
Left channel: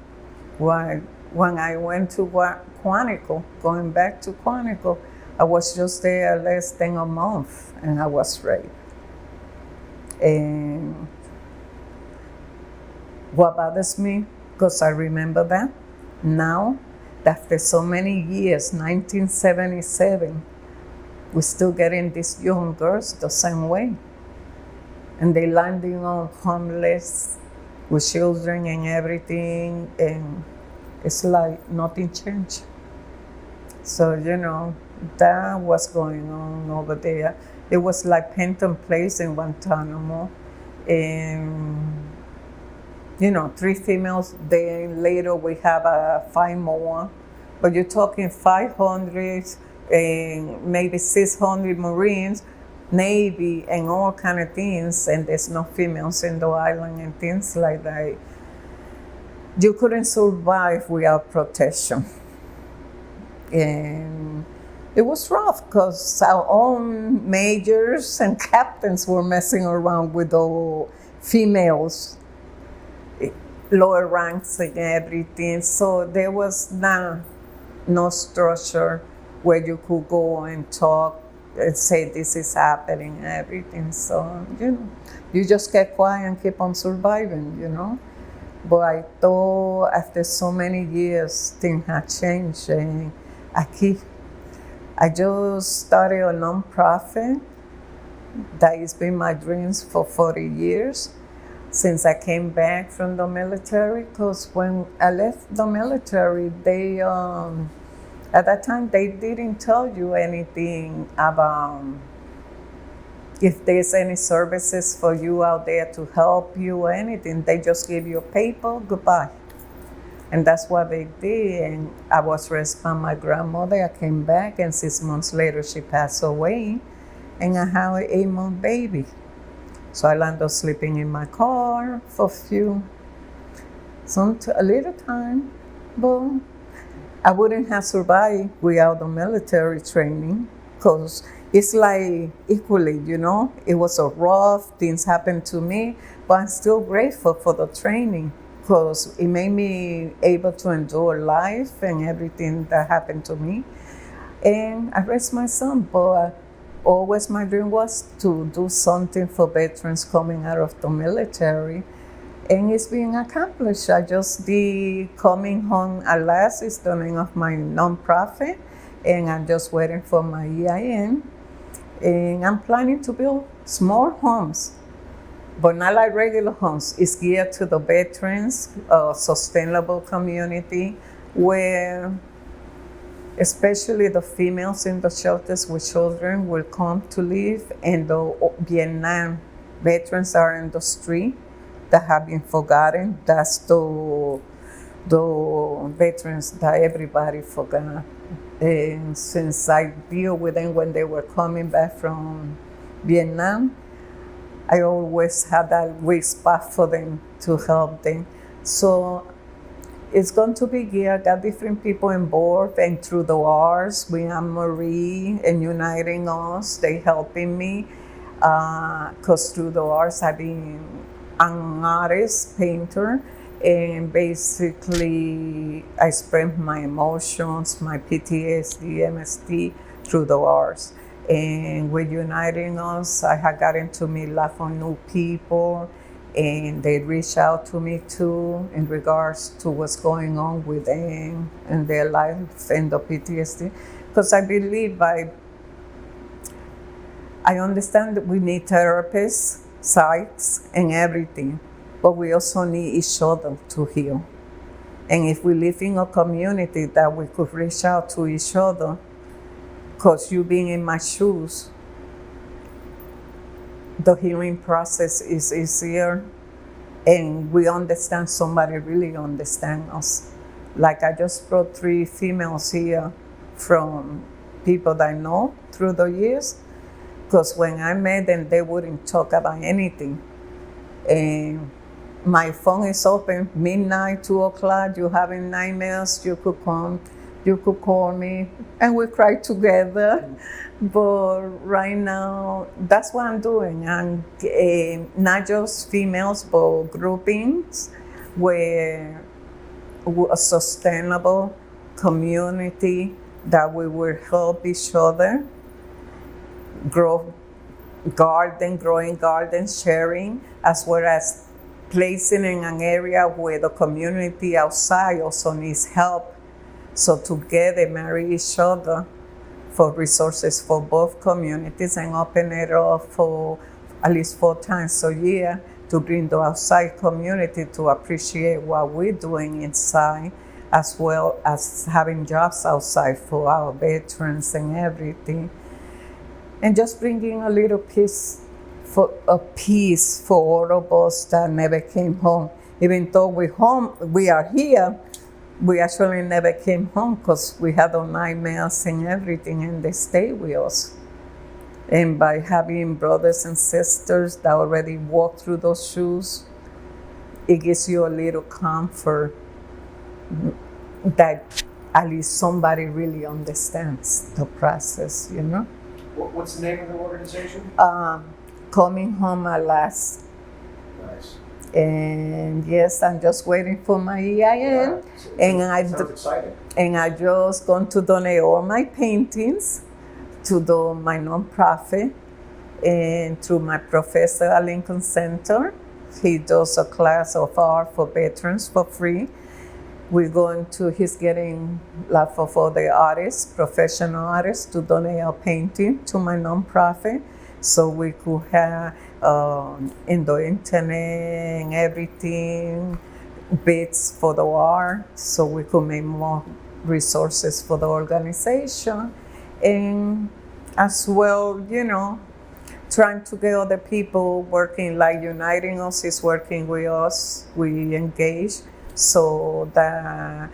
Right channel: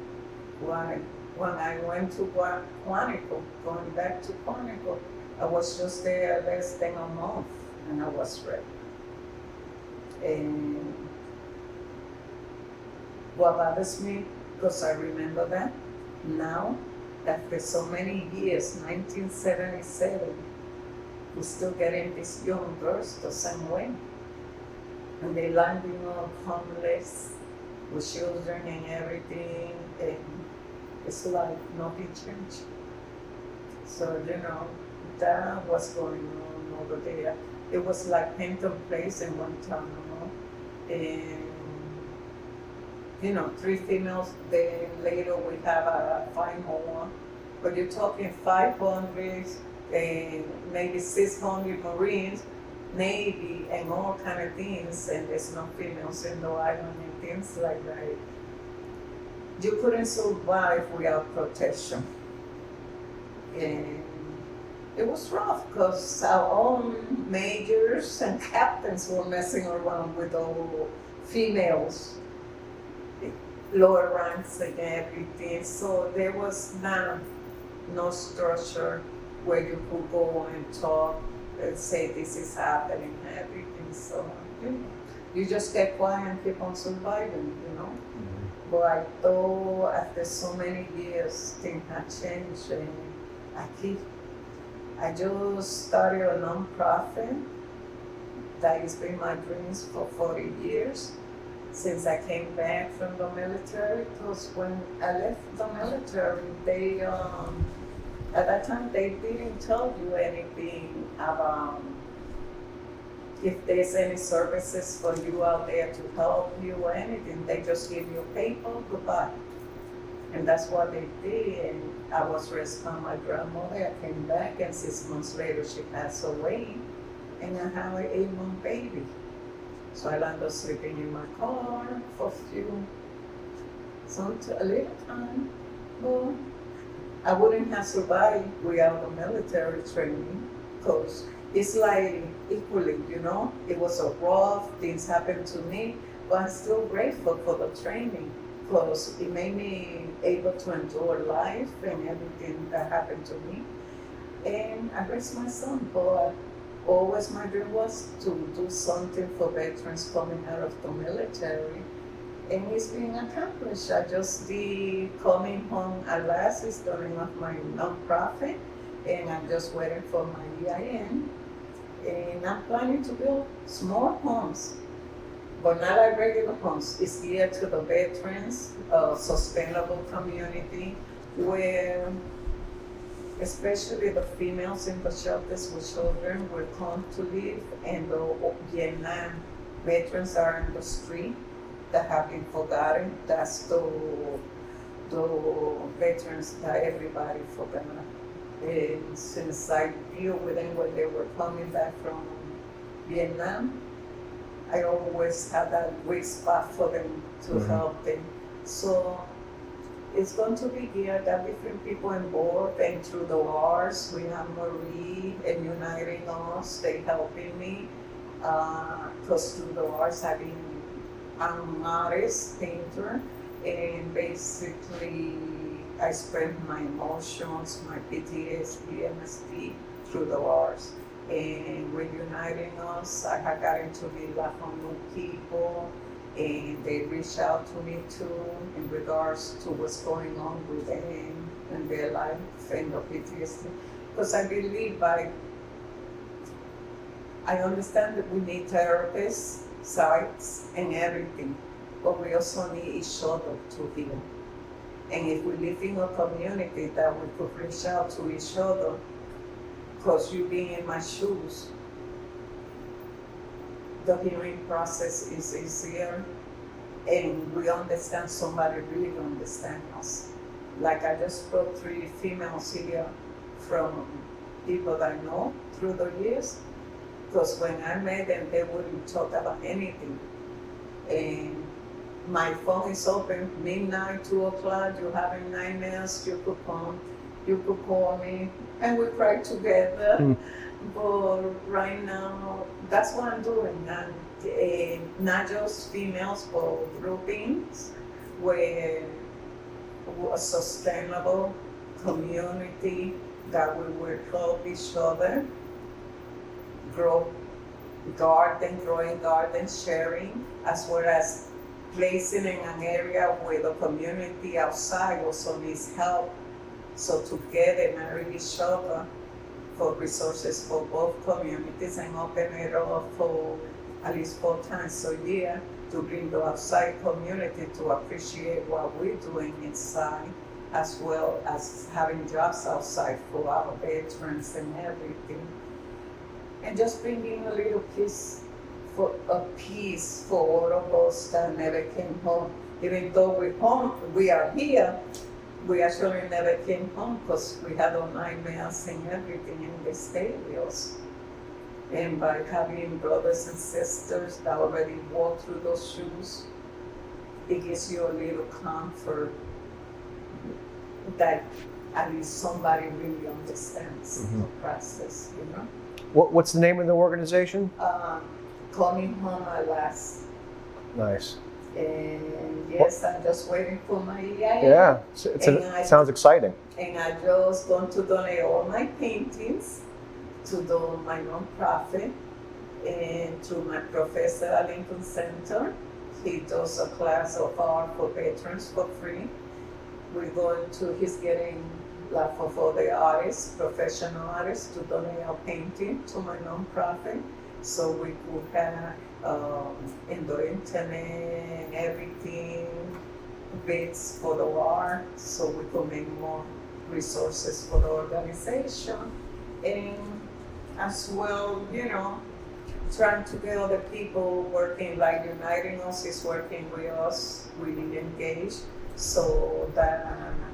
I went to Quantico, going back to Quantico, I was just there less than a month and I was raped. And what bothers me, because I remember that now, after so many years, 1977, we're still getting these young girls the same way. And they landing on homeless with children and everything, and it's like nothing changed. So, you know, that was going on over there. It was like Penton Place in Guantanamo, and you know, 3 females. Then later we have 5 more, but you're talking 500 and maybe 600 Marines, Navy, and all kind of things, and there's no females in the island and things like that. You couldn't survive without protection. And it was rough because our own majors and captains were messing around with the females, lower ranks and everything. So there was no structure where you could go and talk and say this is happening and everything. So, you know, you just get quiet and keep on surviving, you know. But I thought after so many years, things had changed, and I just started a nonprofit that has been my dreams for 40 years since I came back from the military. Because when I left the military, they at that time they didn't tell you anything about if there's any services for you out there to help you or anything. They just give you a paper, goodbye. And that's what they did. And I was raised by my grandmother. I came back, and 6 months later, she passed away. And I had an 8-month baby. So I landed up sleeping in my car for a little time. But I wouldn't have survived without the military training, because it's like equally, you know, it was a rough, things happened to me, but I'm still grateful for the training, because it made me able to endure life and everything that happened to me. And I raised my son, but always my dream was to do something for veterans coming out of the military. And it's being accomplished. I just did Coming Home at Last is the name of my nonprofit, and I'm just waiting for my EIN. And I'm planning to build small homes, but not like regular homes. It's geared to the veterans, a sustainable community where especially the females in the shelters with children will come to live, and the Vietnam veterans are in the street that have been forgotten. That's the veterans that everybody forgot. And since I deal with them when they were coming back from Vietnam, I always had that weak spot for them to help them. So it's going to be good. I got different people involved, and through the arts, we have Marie and Uniting Us. They helping me because through the arts, I've been an artist, painter, and basically I spread my emotions, my PTSD, MSD through the arts. And with Uniting Us, I had gotten to meet a lot of new people, and they reached out to me too in regards to what's going on with them and their life and the PTSD. Because I believe I understand that we need therapists, sites, and everything, but we also need each other to heal. And if we live in a community that we could reach out to each other, because you being in my shoes, the healing process is easier, and we understand, somebody really understands us. Like I just brought 3 females here from people that I know through the years, because when I met them, they wouldn't talk about anything. And my phone is open, midnight, 2 o'clock, you having nightmares, you could come, you could call me, and we cry together. But right now, that's what I'm doing. And not just females, but groupings where a sustainable community that we will help each other grow growing gardens, sharing, as well as placing in an area where the community outside also needs help. So together marry each other for resources for both communities, and open it up for at least 4 times a year to bring the outside community to appreciate what we're doing inside, as well as having jobs outside for our veterans and everything. And just bringing a little peace for all of us that never came home. Even though we are here, we actually never came home because we had our nightmares and everything, and they stayed with us. And by having brothers and sisters that already walked through those shoes, it gives you a little comfort that at least somebody really understands the process, you know? What's the name of the organization? Coming home at last. Nice. And yes, I'm just waiting for my EIN. Yeah, sounds exciting. And I just going to donate all my paintings to my nonprofit, and through my professor at Lincoln Center. He does a class of art for veterans for free. He's getting a lot of other artists, professional artists, to donate a painting to my nonprofit, so we could have in the internet and everything, bits for the art, so we could make more resources for the organization. And as well, you know, trying to get other people working, like Uniting Us is working with us. We engage so that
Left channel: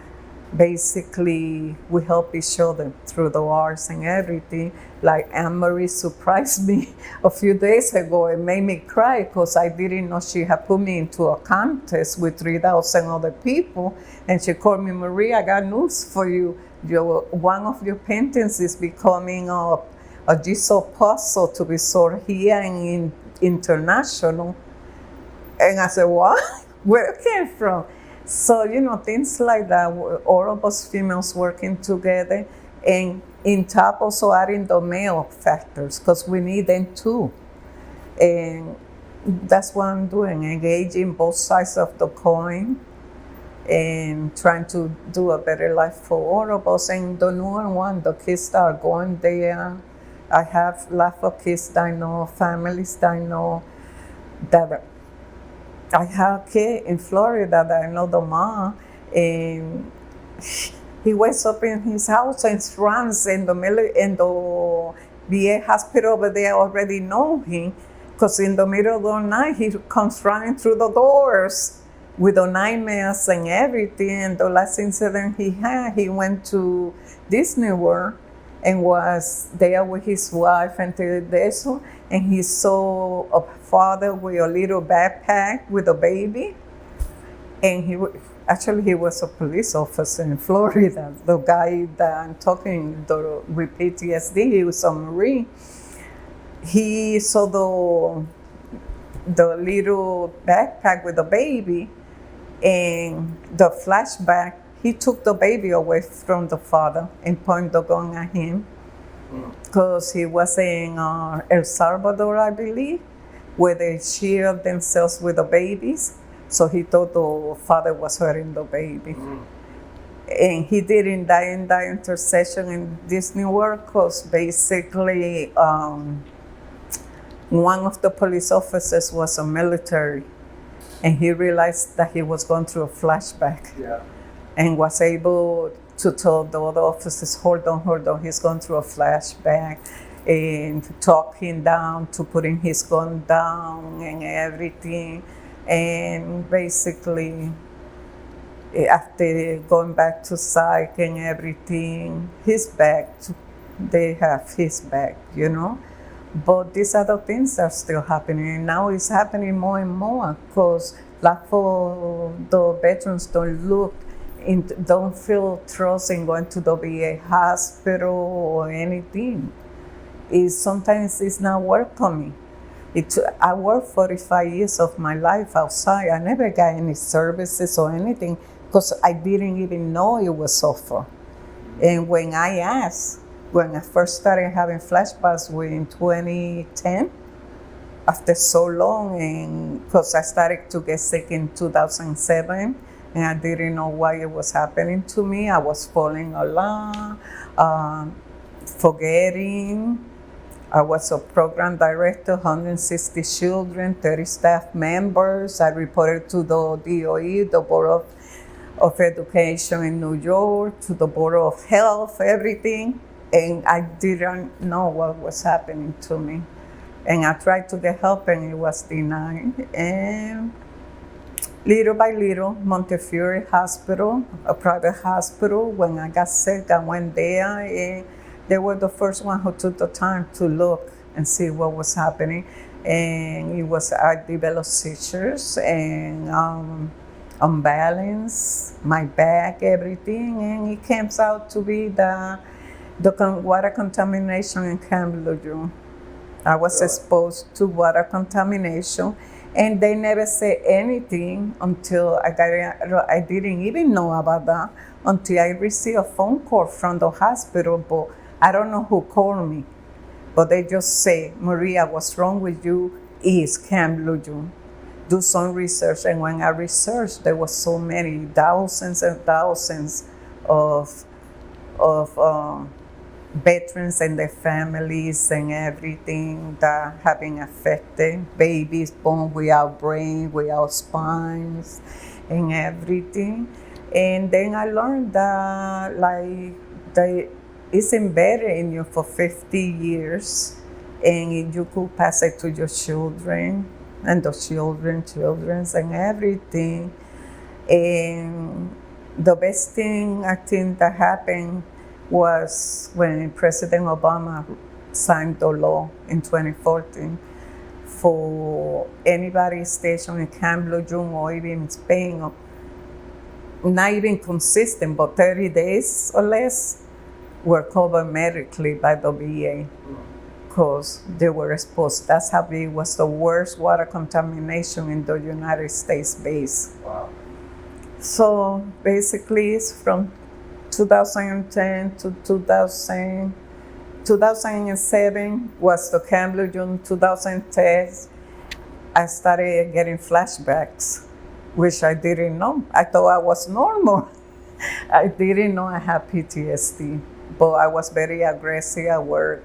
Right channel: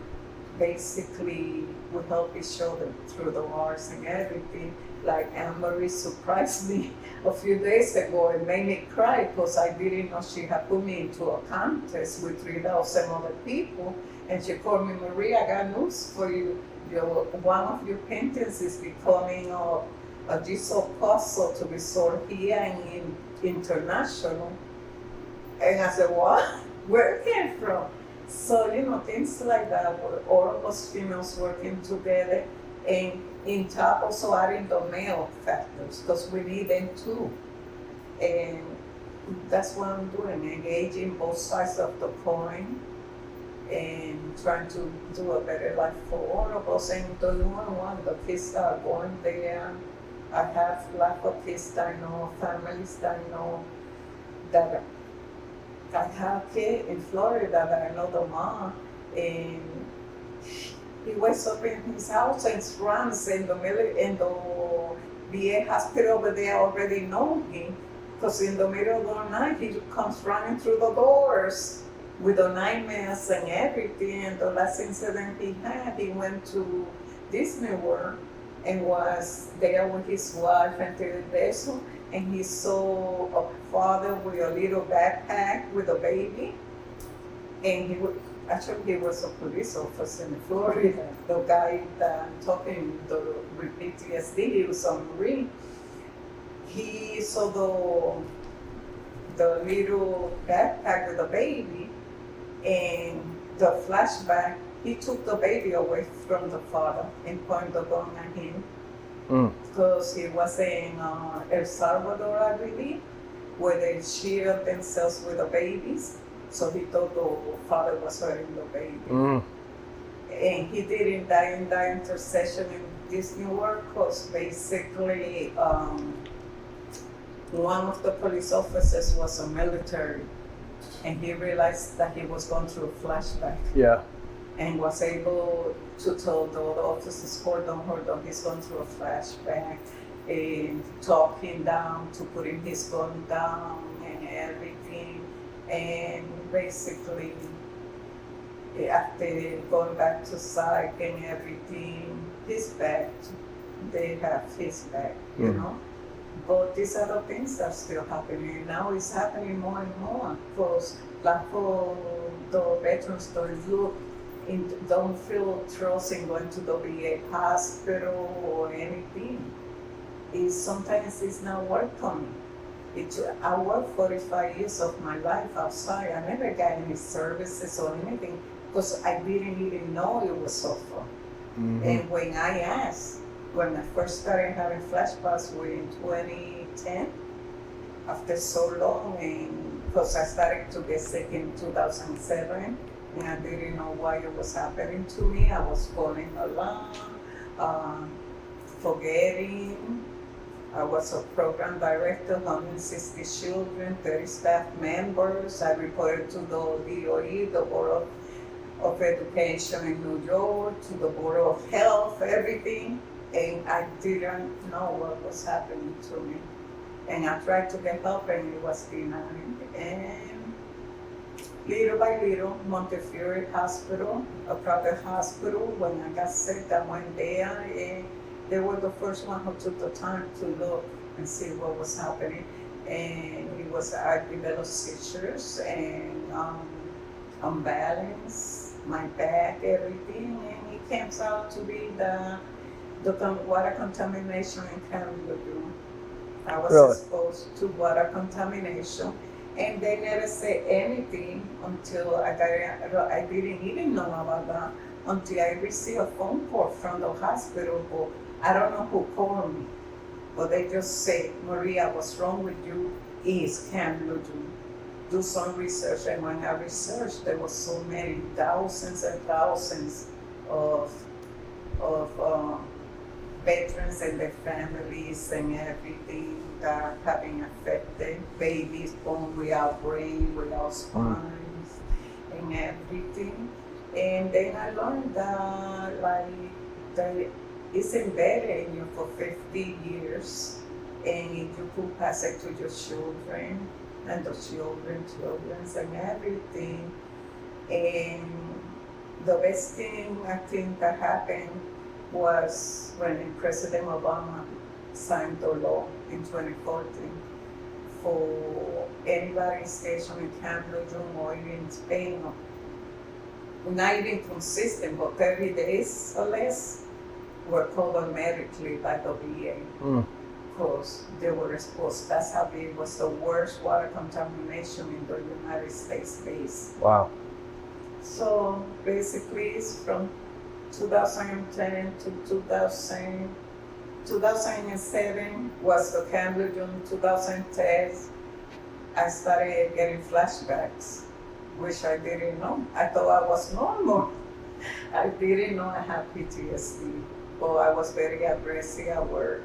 basically we help each other through the arts and everything. Like Anne-Marie surprised me a few days ago. It made me cry because I didn't know she had put me into a contest with 3,000 other people. And she called me, Marie, I got news for you. One of your paintings is becoming a jigsaw puzzle to be sold here and international. And I said, what? Where it came from? So, you know, things like that, all of us females working together, and in top also adding the male factors, because we need them too. And that's what I'm doing, engaging both sides of the coin and trying to do a better life for all of us. And the newer one, the kids that are going there, I have lots of kids that I know, families that I know, that I have a kid in Florida that I know the mom, and he wakes up in his house and runs in the VA hospital over there already know him, because in the middle of the night, he comes running through the doors with the nightmares and everything. And the last incident he had, he went to Disney World and was there with his wife and Tereso, and he saw a father with a little backpack with a baby. And he was a police officer in Florida. The guy that I'm talking with PTSD, he was a Marine. He saw the little backpack with the baby, and the flashback, he took the baby away from the father and pointed the gun at him because he was in El Salvador, I believe, where they shield themselves with the babies. So he thought the father was hurting the baby. And he didn't die in that intersection in Disney World because basically one of the police officers was a military, and he realized that he was going through a flashback. Yeah. And was able to tell the other officers, hold on, he's going through a flashback, and talk him down to putting his gun down and everything. And basically, after going back to psych and everything, his back, they have his back, you know? But these other things are still happening. And now it's happening more and more because like for the veterans don't feel trust in going to the VA hospital or anything. Sometimes it's not work for me. I worked 45 years of my life outside. I never got any services or anything because I didn't even know it was offered. And when I first started having flashbacks in 2010, after so long, and because I started to get sick in 2007, and I didn't know why it was happening to me. I was falling a lot, forgetting. I was a program director, 160 children, 30 staff members. I reported to the DOE, the Board of Education in New York, to the Board of Health, everything. And I didn't know what was happening to me. And I tried to get help and it was denied. And little by little, Montefiore Hospital, a private hospital, when I got sick, I went there. They were the first one who took the time to look and see what was happening. And I developed seizures and unbalance, my back, everything. And it came out to be the water contamination in Camp Lejeune. I was exposed to water contamination, and they never said anything until I didn't even know about that until I received a phone call from the hospital, but I don't know who called me. But they just say, Maria, what's wrong with you is Camp Lejeune. Do some research. And when I researched, there was so many, thousands and thousands of veterans and their families and everything that have been affected. Babies born without brain, without spines, and everything. And then I learned that it's embedded in you for 50 years, and you could pass it to your children and the children's and everything. And the best thing I think that happened was when President Obama signed the law in 2014 for anybody stationed in Camp Lejeune or even in Spain, or not even consistent, but 30 days or less, were covered medically by the VA because they were exposed. That's how it was the worst water contamination in the United States base. Wow. So basically it's from 2010 to 2007 was the Camp Lejeune. 2010, I started getting flashbacks, which I didn't know. I thought I was normal. I didn't know I had PTSD, but I was very aggressive at work.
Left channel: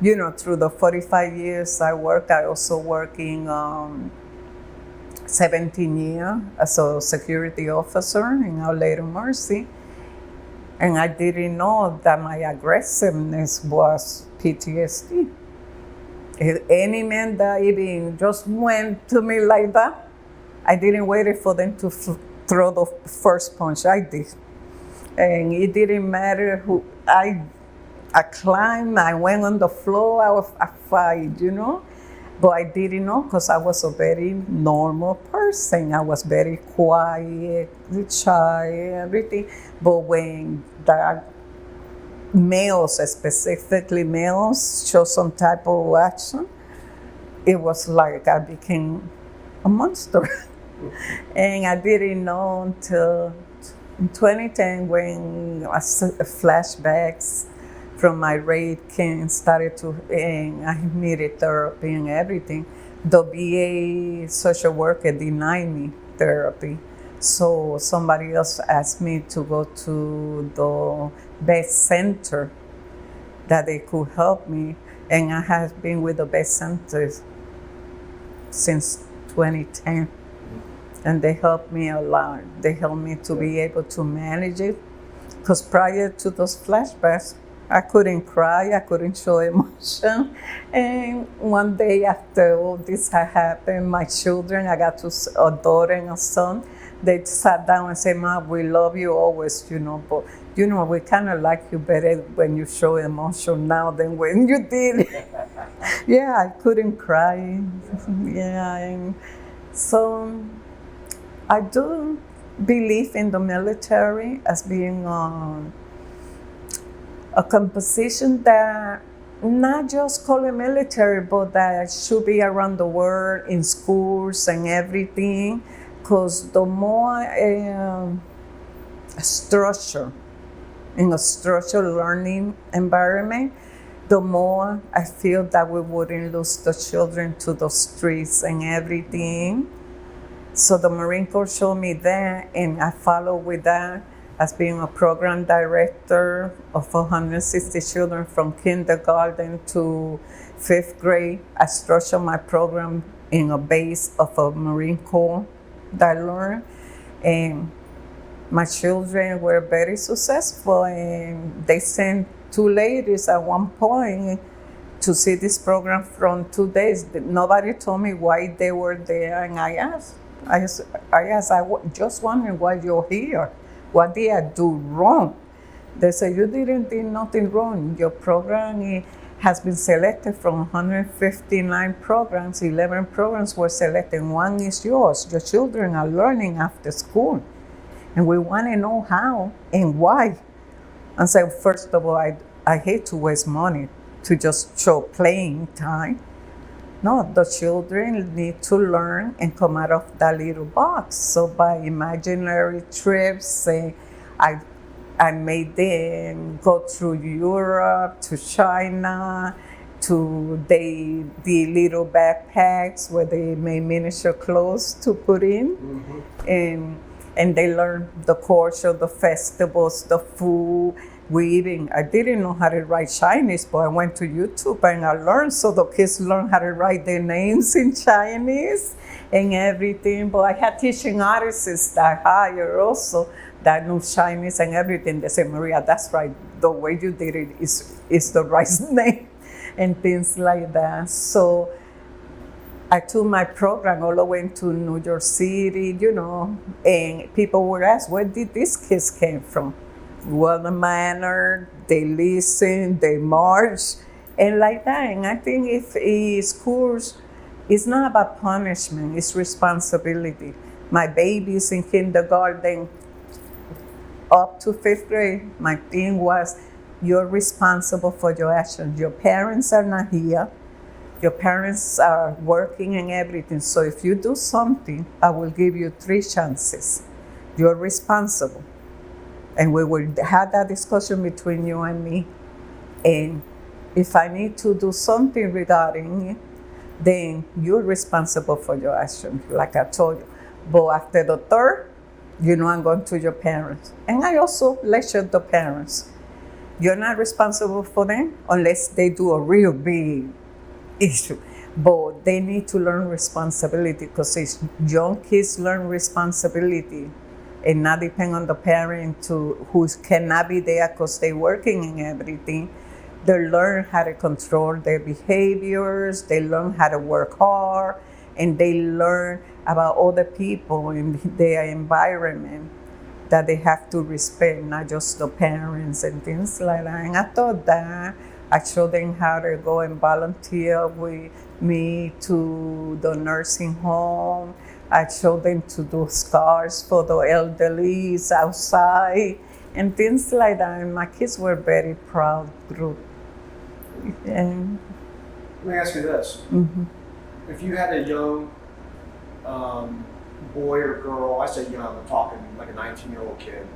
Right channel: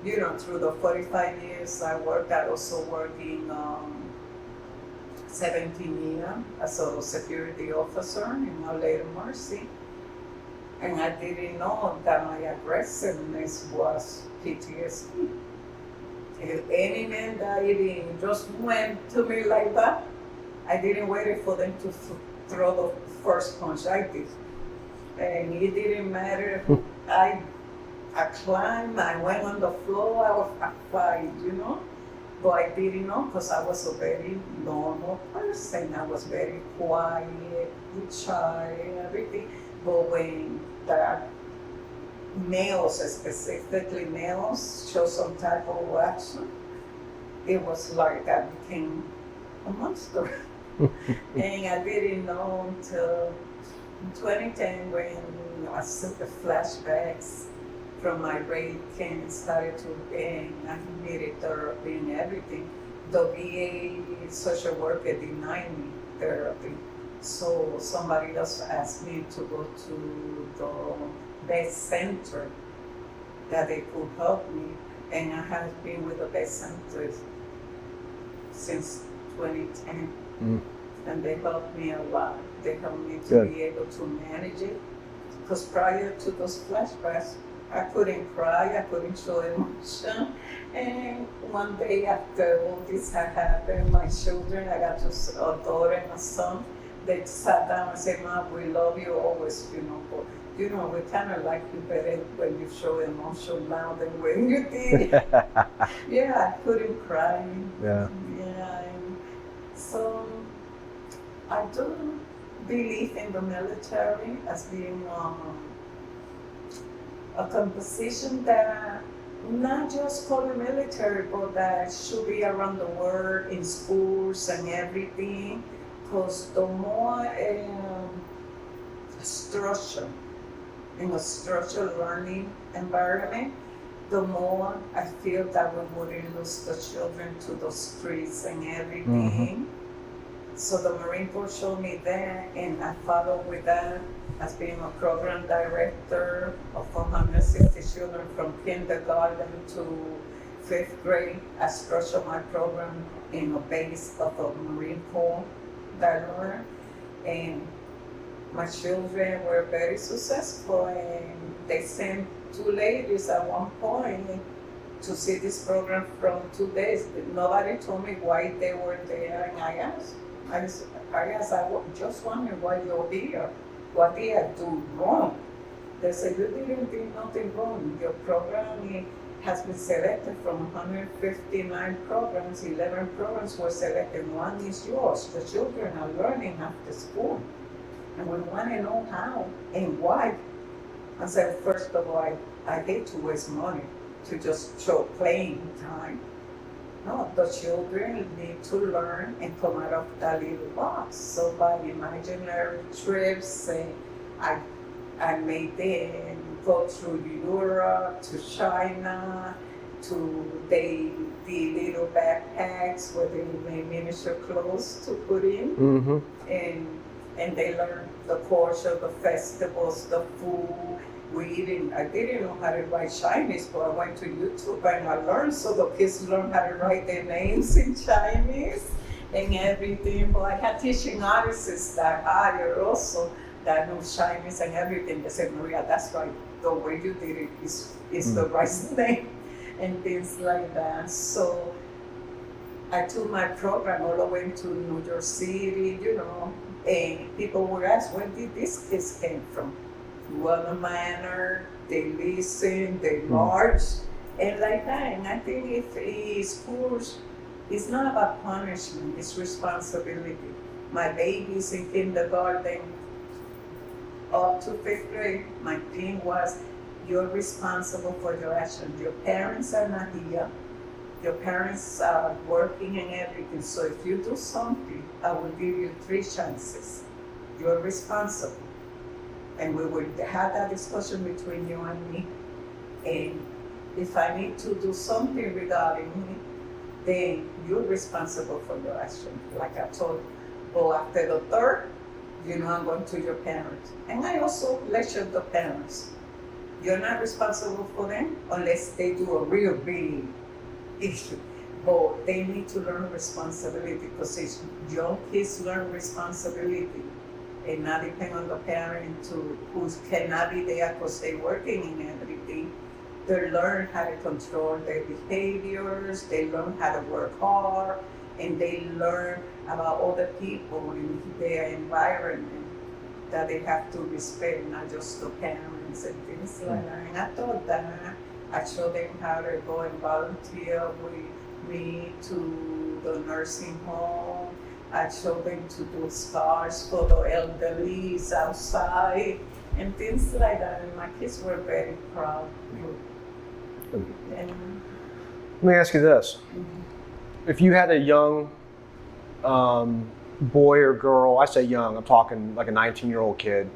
You know, through the 45 years I worked, I also working 17 years as a security officer in Our Lady of Mercy. And I didn't know that my aggressiveness was PTSD. If any man that even just went to me like that, I didn't wait for them to throw the first punch. I did. And it didn't matter who. I climbed, I went on the floor, I fight, But I didn't know because I was a very normal person. I was very quiet, shy, everything. But when that males, specifically males, show some type of action, it was like I became a monster. And I didn't know until 2010 when flashbacks from my rape came started to, and I needed therapy and everything. The VA social worker denied me therapy. So somebody else asked me to go to the best center that they could help me. And I have been with the best centers since 2010. And they helped me a lot. They helped me to be able to manage it. Because prior to those flashbacks, I couldn't cry, I couldn't show emotion. And one day after all this had happened, my children, I got a daughter and a son, they sat down and said, "Ma, we love you always, but we kind of like you better when you show emotion now than when you did." Yeah, I couldn't cry. Yeah, and so I do believe in the military as being a composition that not just call it military, but that should be around the world in schools and everything. Because the more structure, in a structured learning environment, the more I feel that we wouldn't lose the children to the streets and everything. So the Marine Corps showed me that, and I followed with that as being a program director of 160 children from kindergarten to 5th grade. I structured my program in a base of a Marine Corps that I learned. And my children were very successful, and they sent 2 ladies at one point to see this program from 2 days. Nobody told me why they were there, and I asked, just wondering why you're here. What did I do wrong? They said, you didn't do nothing wrong. Your program has been selected from 159 programs. 11 programs were selected. 1 is yours. Your children are learning after school. And we want to know how and why. And so first of all, I hate to waste money to just show playing time. No, the children need to learn and come out of that little box. So by imaginary trips, I made them go through Europe, to China, to the little backpacks where they made miniature clothes to put in. And they learned the culture, the festivals, the food. I didn't know how to write Chinese, but I went to YouTube and I learned. So the kids learned how to write their names in Chinese and everything. But I had teaching artists that hire also that knew Chinese and everything. They said, Maria, that's right. The way you did it is the right name and things like that. So I took my program all the way to New York City, and people would ask, where did these kids came from? Well-mannered, they listen, they march, and like that. And I think if schools, it's not about punishment, it's responsibility. My babies in kindergarten up to 5th grade, my thing was, you're responsible for your actions. Your parents are not here. Your parents are working and everything. So if you do something, I will give you 3 chances. You're responsible. And we will have that discussion between you and me. And if I need to do something regarding it, then you're responsible for your action, like I told you. But after the 3rd, I'm going to your parents. And I also lecture the parents. You're not responsible for them unless they do a real big issue. But they need to learn responsibility, because young kids learn responsibility and not depend on the parent who cannot be there because they're working and everything. They learn how to control their behaviors, they learn how to work hard, and they learn about other people in their environment that they have to respect, not just the parents and things like that. And I thought that I showed them how to go and volunteer with me to the nursing home. I showed them to do scars for the elderly outside and things like that. And my kids were very proud group. And Let me ask you this. If you had a young boy or girl, I say young, I'm talking like a 19-year-old kid,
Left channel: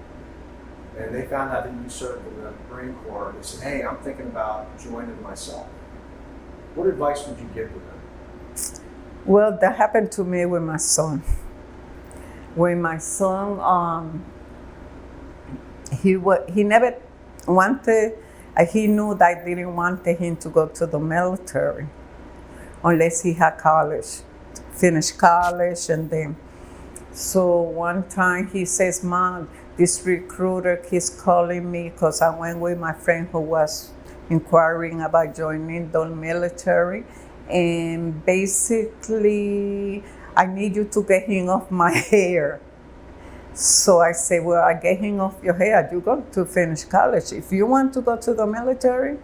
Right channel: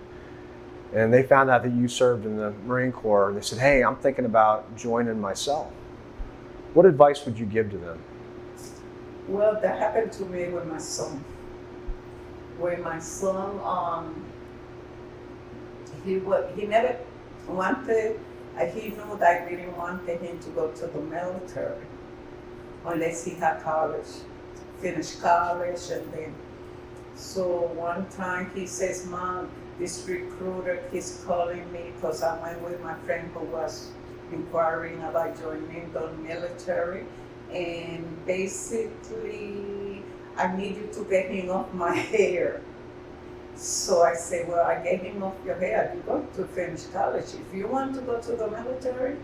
and they found out that you served in the Marine Corps, and they said, hey, I'm thinking about joining myself, what advice would you give to them? well, that happened to me with my son. When my son, he never wanted. He knew that I didn't want him to go to the military unless he had college, finished college, and then. So one time he says, Mom, this recruiter keeps calling me because I went with my friend who was inquiring about joining the military. And basically, I need you to get him off my hair. So I say, well, I get him off your hair. You go to finish college. If you want to go to the military,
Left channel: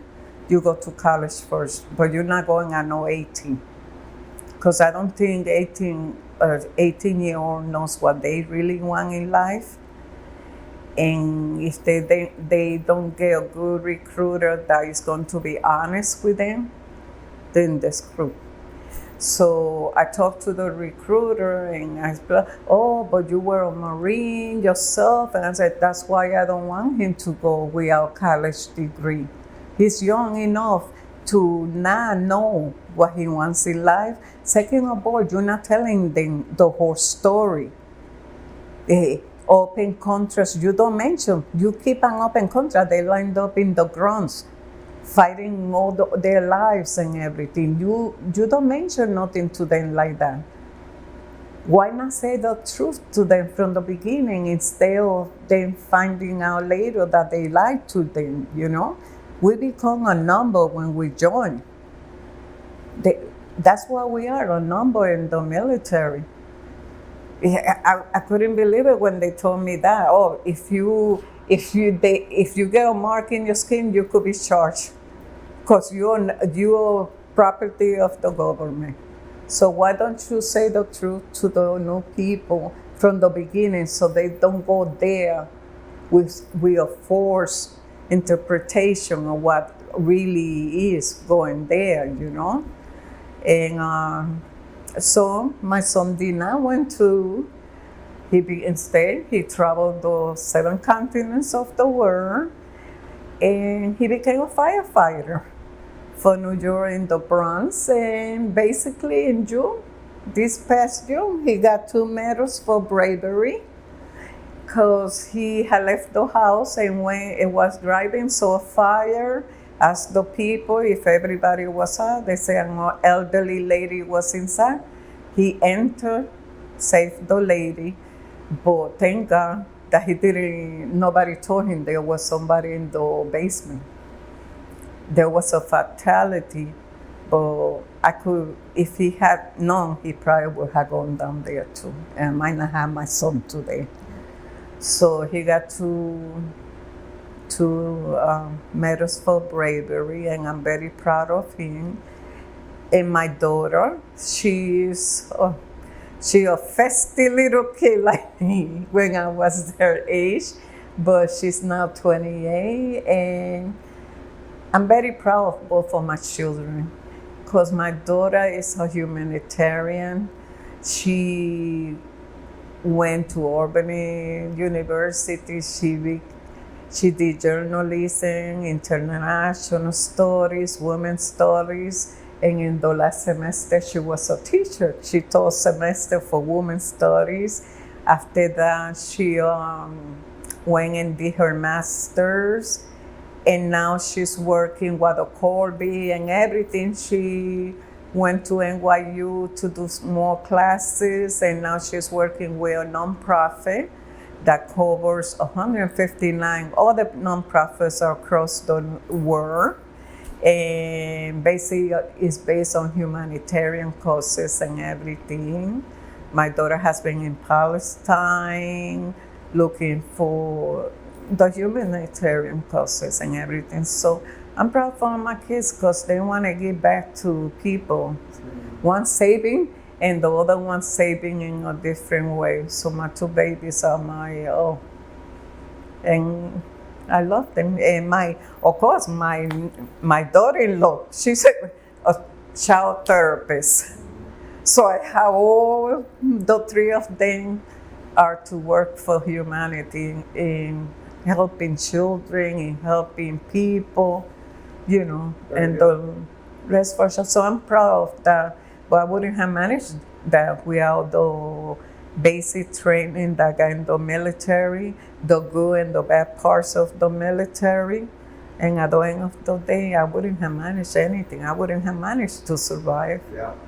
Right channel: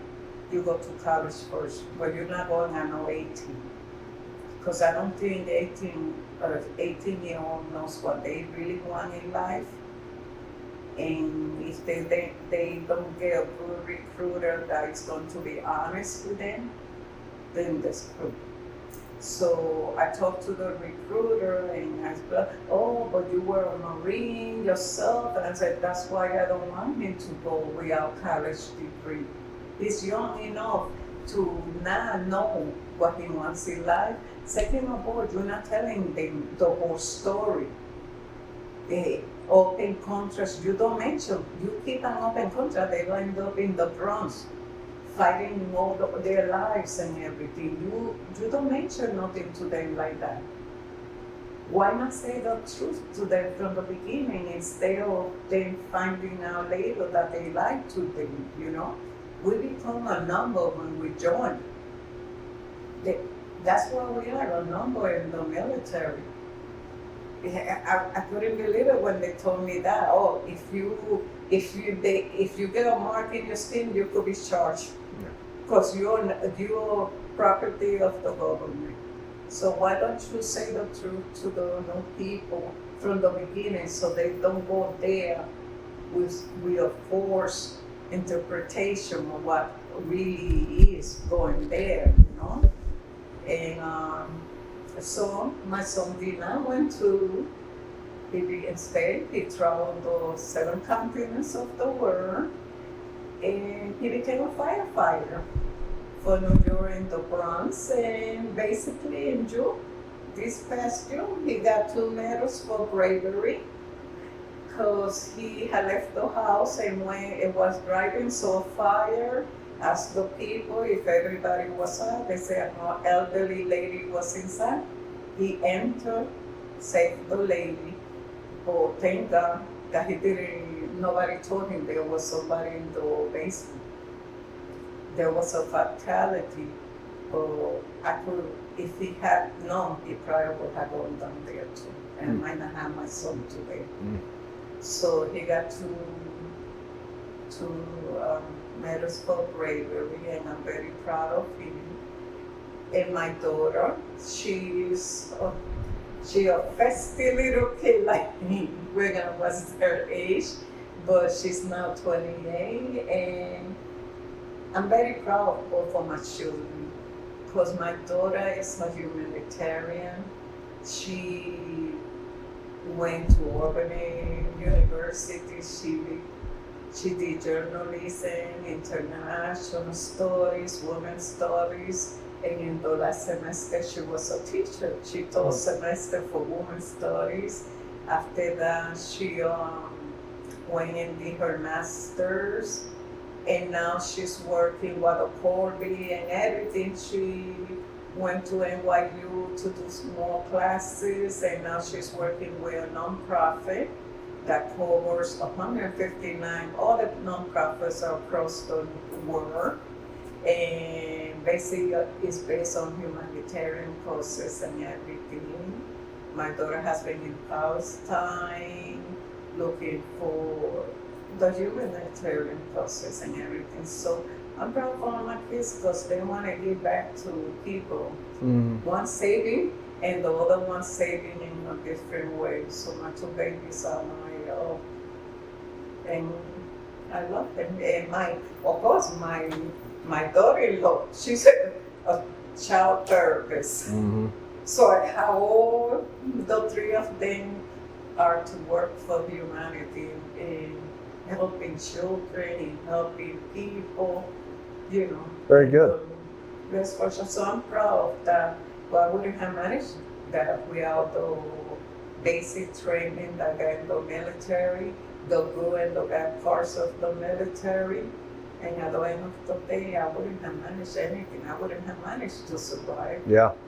you go to college first, but you're not going at no 18. Because I don't think 18-year-old knows what they really want in life. And if they don't get a good recruiter that is going to be honest with them, then they're screwed. So I talked to the recruiter and I said, oh, but you were a Marine yourself. And I said, that's why I don't want him to go without college degree. He's young enough to not know what he wants in life. Second of all, you're not telling them the whole story. Open contrast, you don't mention. You keep an open contrast, they lined up in the grunts, fighting all their lives and everything. You don't mention nothing to them like that. Why not say the truth to them from the beginning instead of them finding out later that they lied to them, you know? We become a number when we join. That's what we are, a number in the military. I couldn't believe it when they told me that. Oh, if you get a mark in your skin, you could be charged because you're property of the government. So why don't you say the truth to the new people from the beginning so they don't go there with a forced interpretation of what really is going there, you know? And so my son Dina went to, instead he traveled the 7 continents of the world, and he became a firefighter for New York in the Bronx. And basically in June, this past June, he got 2 medals for bravery because he had left the house, and when it was driving, saw a fire, asked the people if everybody was out. They said an elderly lady was inside. He entered, saved the lady, but thank God that nobody told him there was somebody in the basement. There was a fatality, but if he had known, he probably would have gone down there too, and might not have my son today. So he got two medals for bravery, and I'm very proud of him. And my daughter, she's a festy little kid like me when I was her age, but she's now 28, and I'm very proud of both of my children because my daughter is a humanitarian. She went to Albany University. She did journalism, international studies, women's studies, and in the last semester she was a teacher. She taught semester for women's studies. After that, she went and did her master's, and now she's working with the Colby and everything. She went to NYU to do more classes, and now she's working with a nonprofit that covers 159 other nonprofits across the world. And basically it's based on humanitarian causes and everything. My daughter has been in Palestine looking for the humanitarian causes and everything. So I'm proud for my kids because they want to give back to people. One saving and the other one saving in a different way. So my two babies are and I love them. And of course, my daughter-in-law, she's a child therapist. So I have all the three of them are to work for humanity in helping children, in helping people, Very and good. the rest for sure. So I'm proud of that. But I wouldn't have managed that without the basic training that I got in the military, the good and the bad parts of the military. And at the end of the day, I wouldn't have managed anything. I wouldn't have managed to survive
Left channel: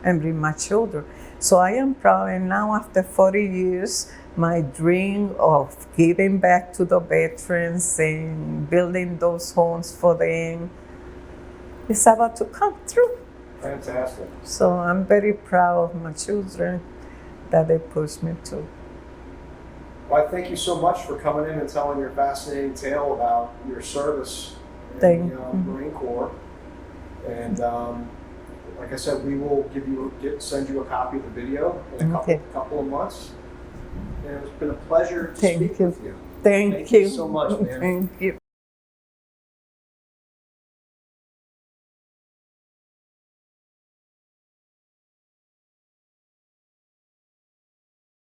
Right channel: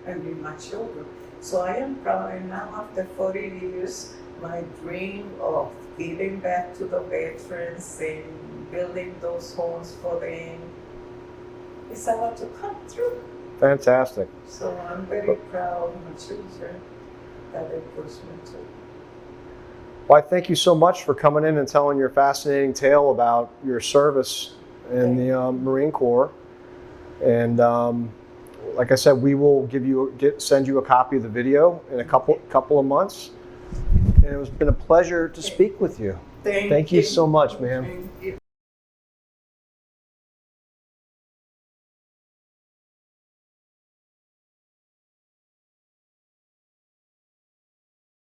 and bring my children. So I am proud. And now after 40 years, my dream of giving back to the veterans and building those homes for them is about to come true. Fantastic. So I'm very proud of my children that they pushed me to. Well, I thank you so much for coming in and telling your fascinating tale about your service in the Marine Corps. And like I said, we will send you a copy of the video in a couple of months. And it's been a pleasure to speak with you. Thank you so much, ma'am. Thank you.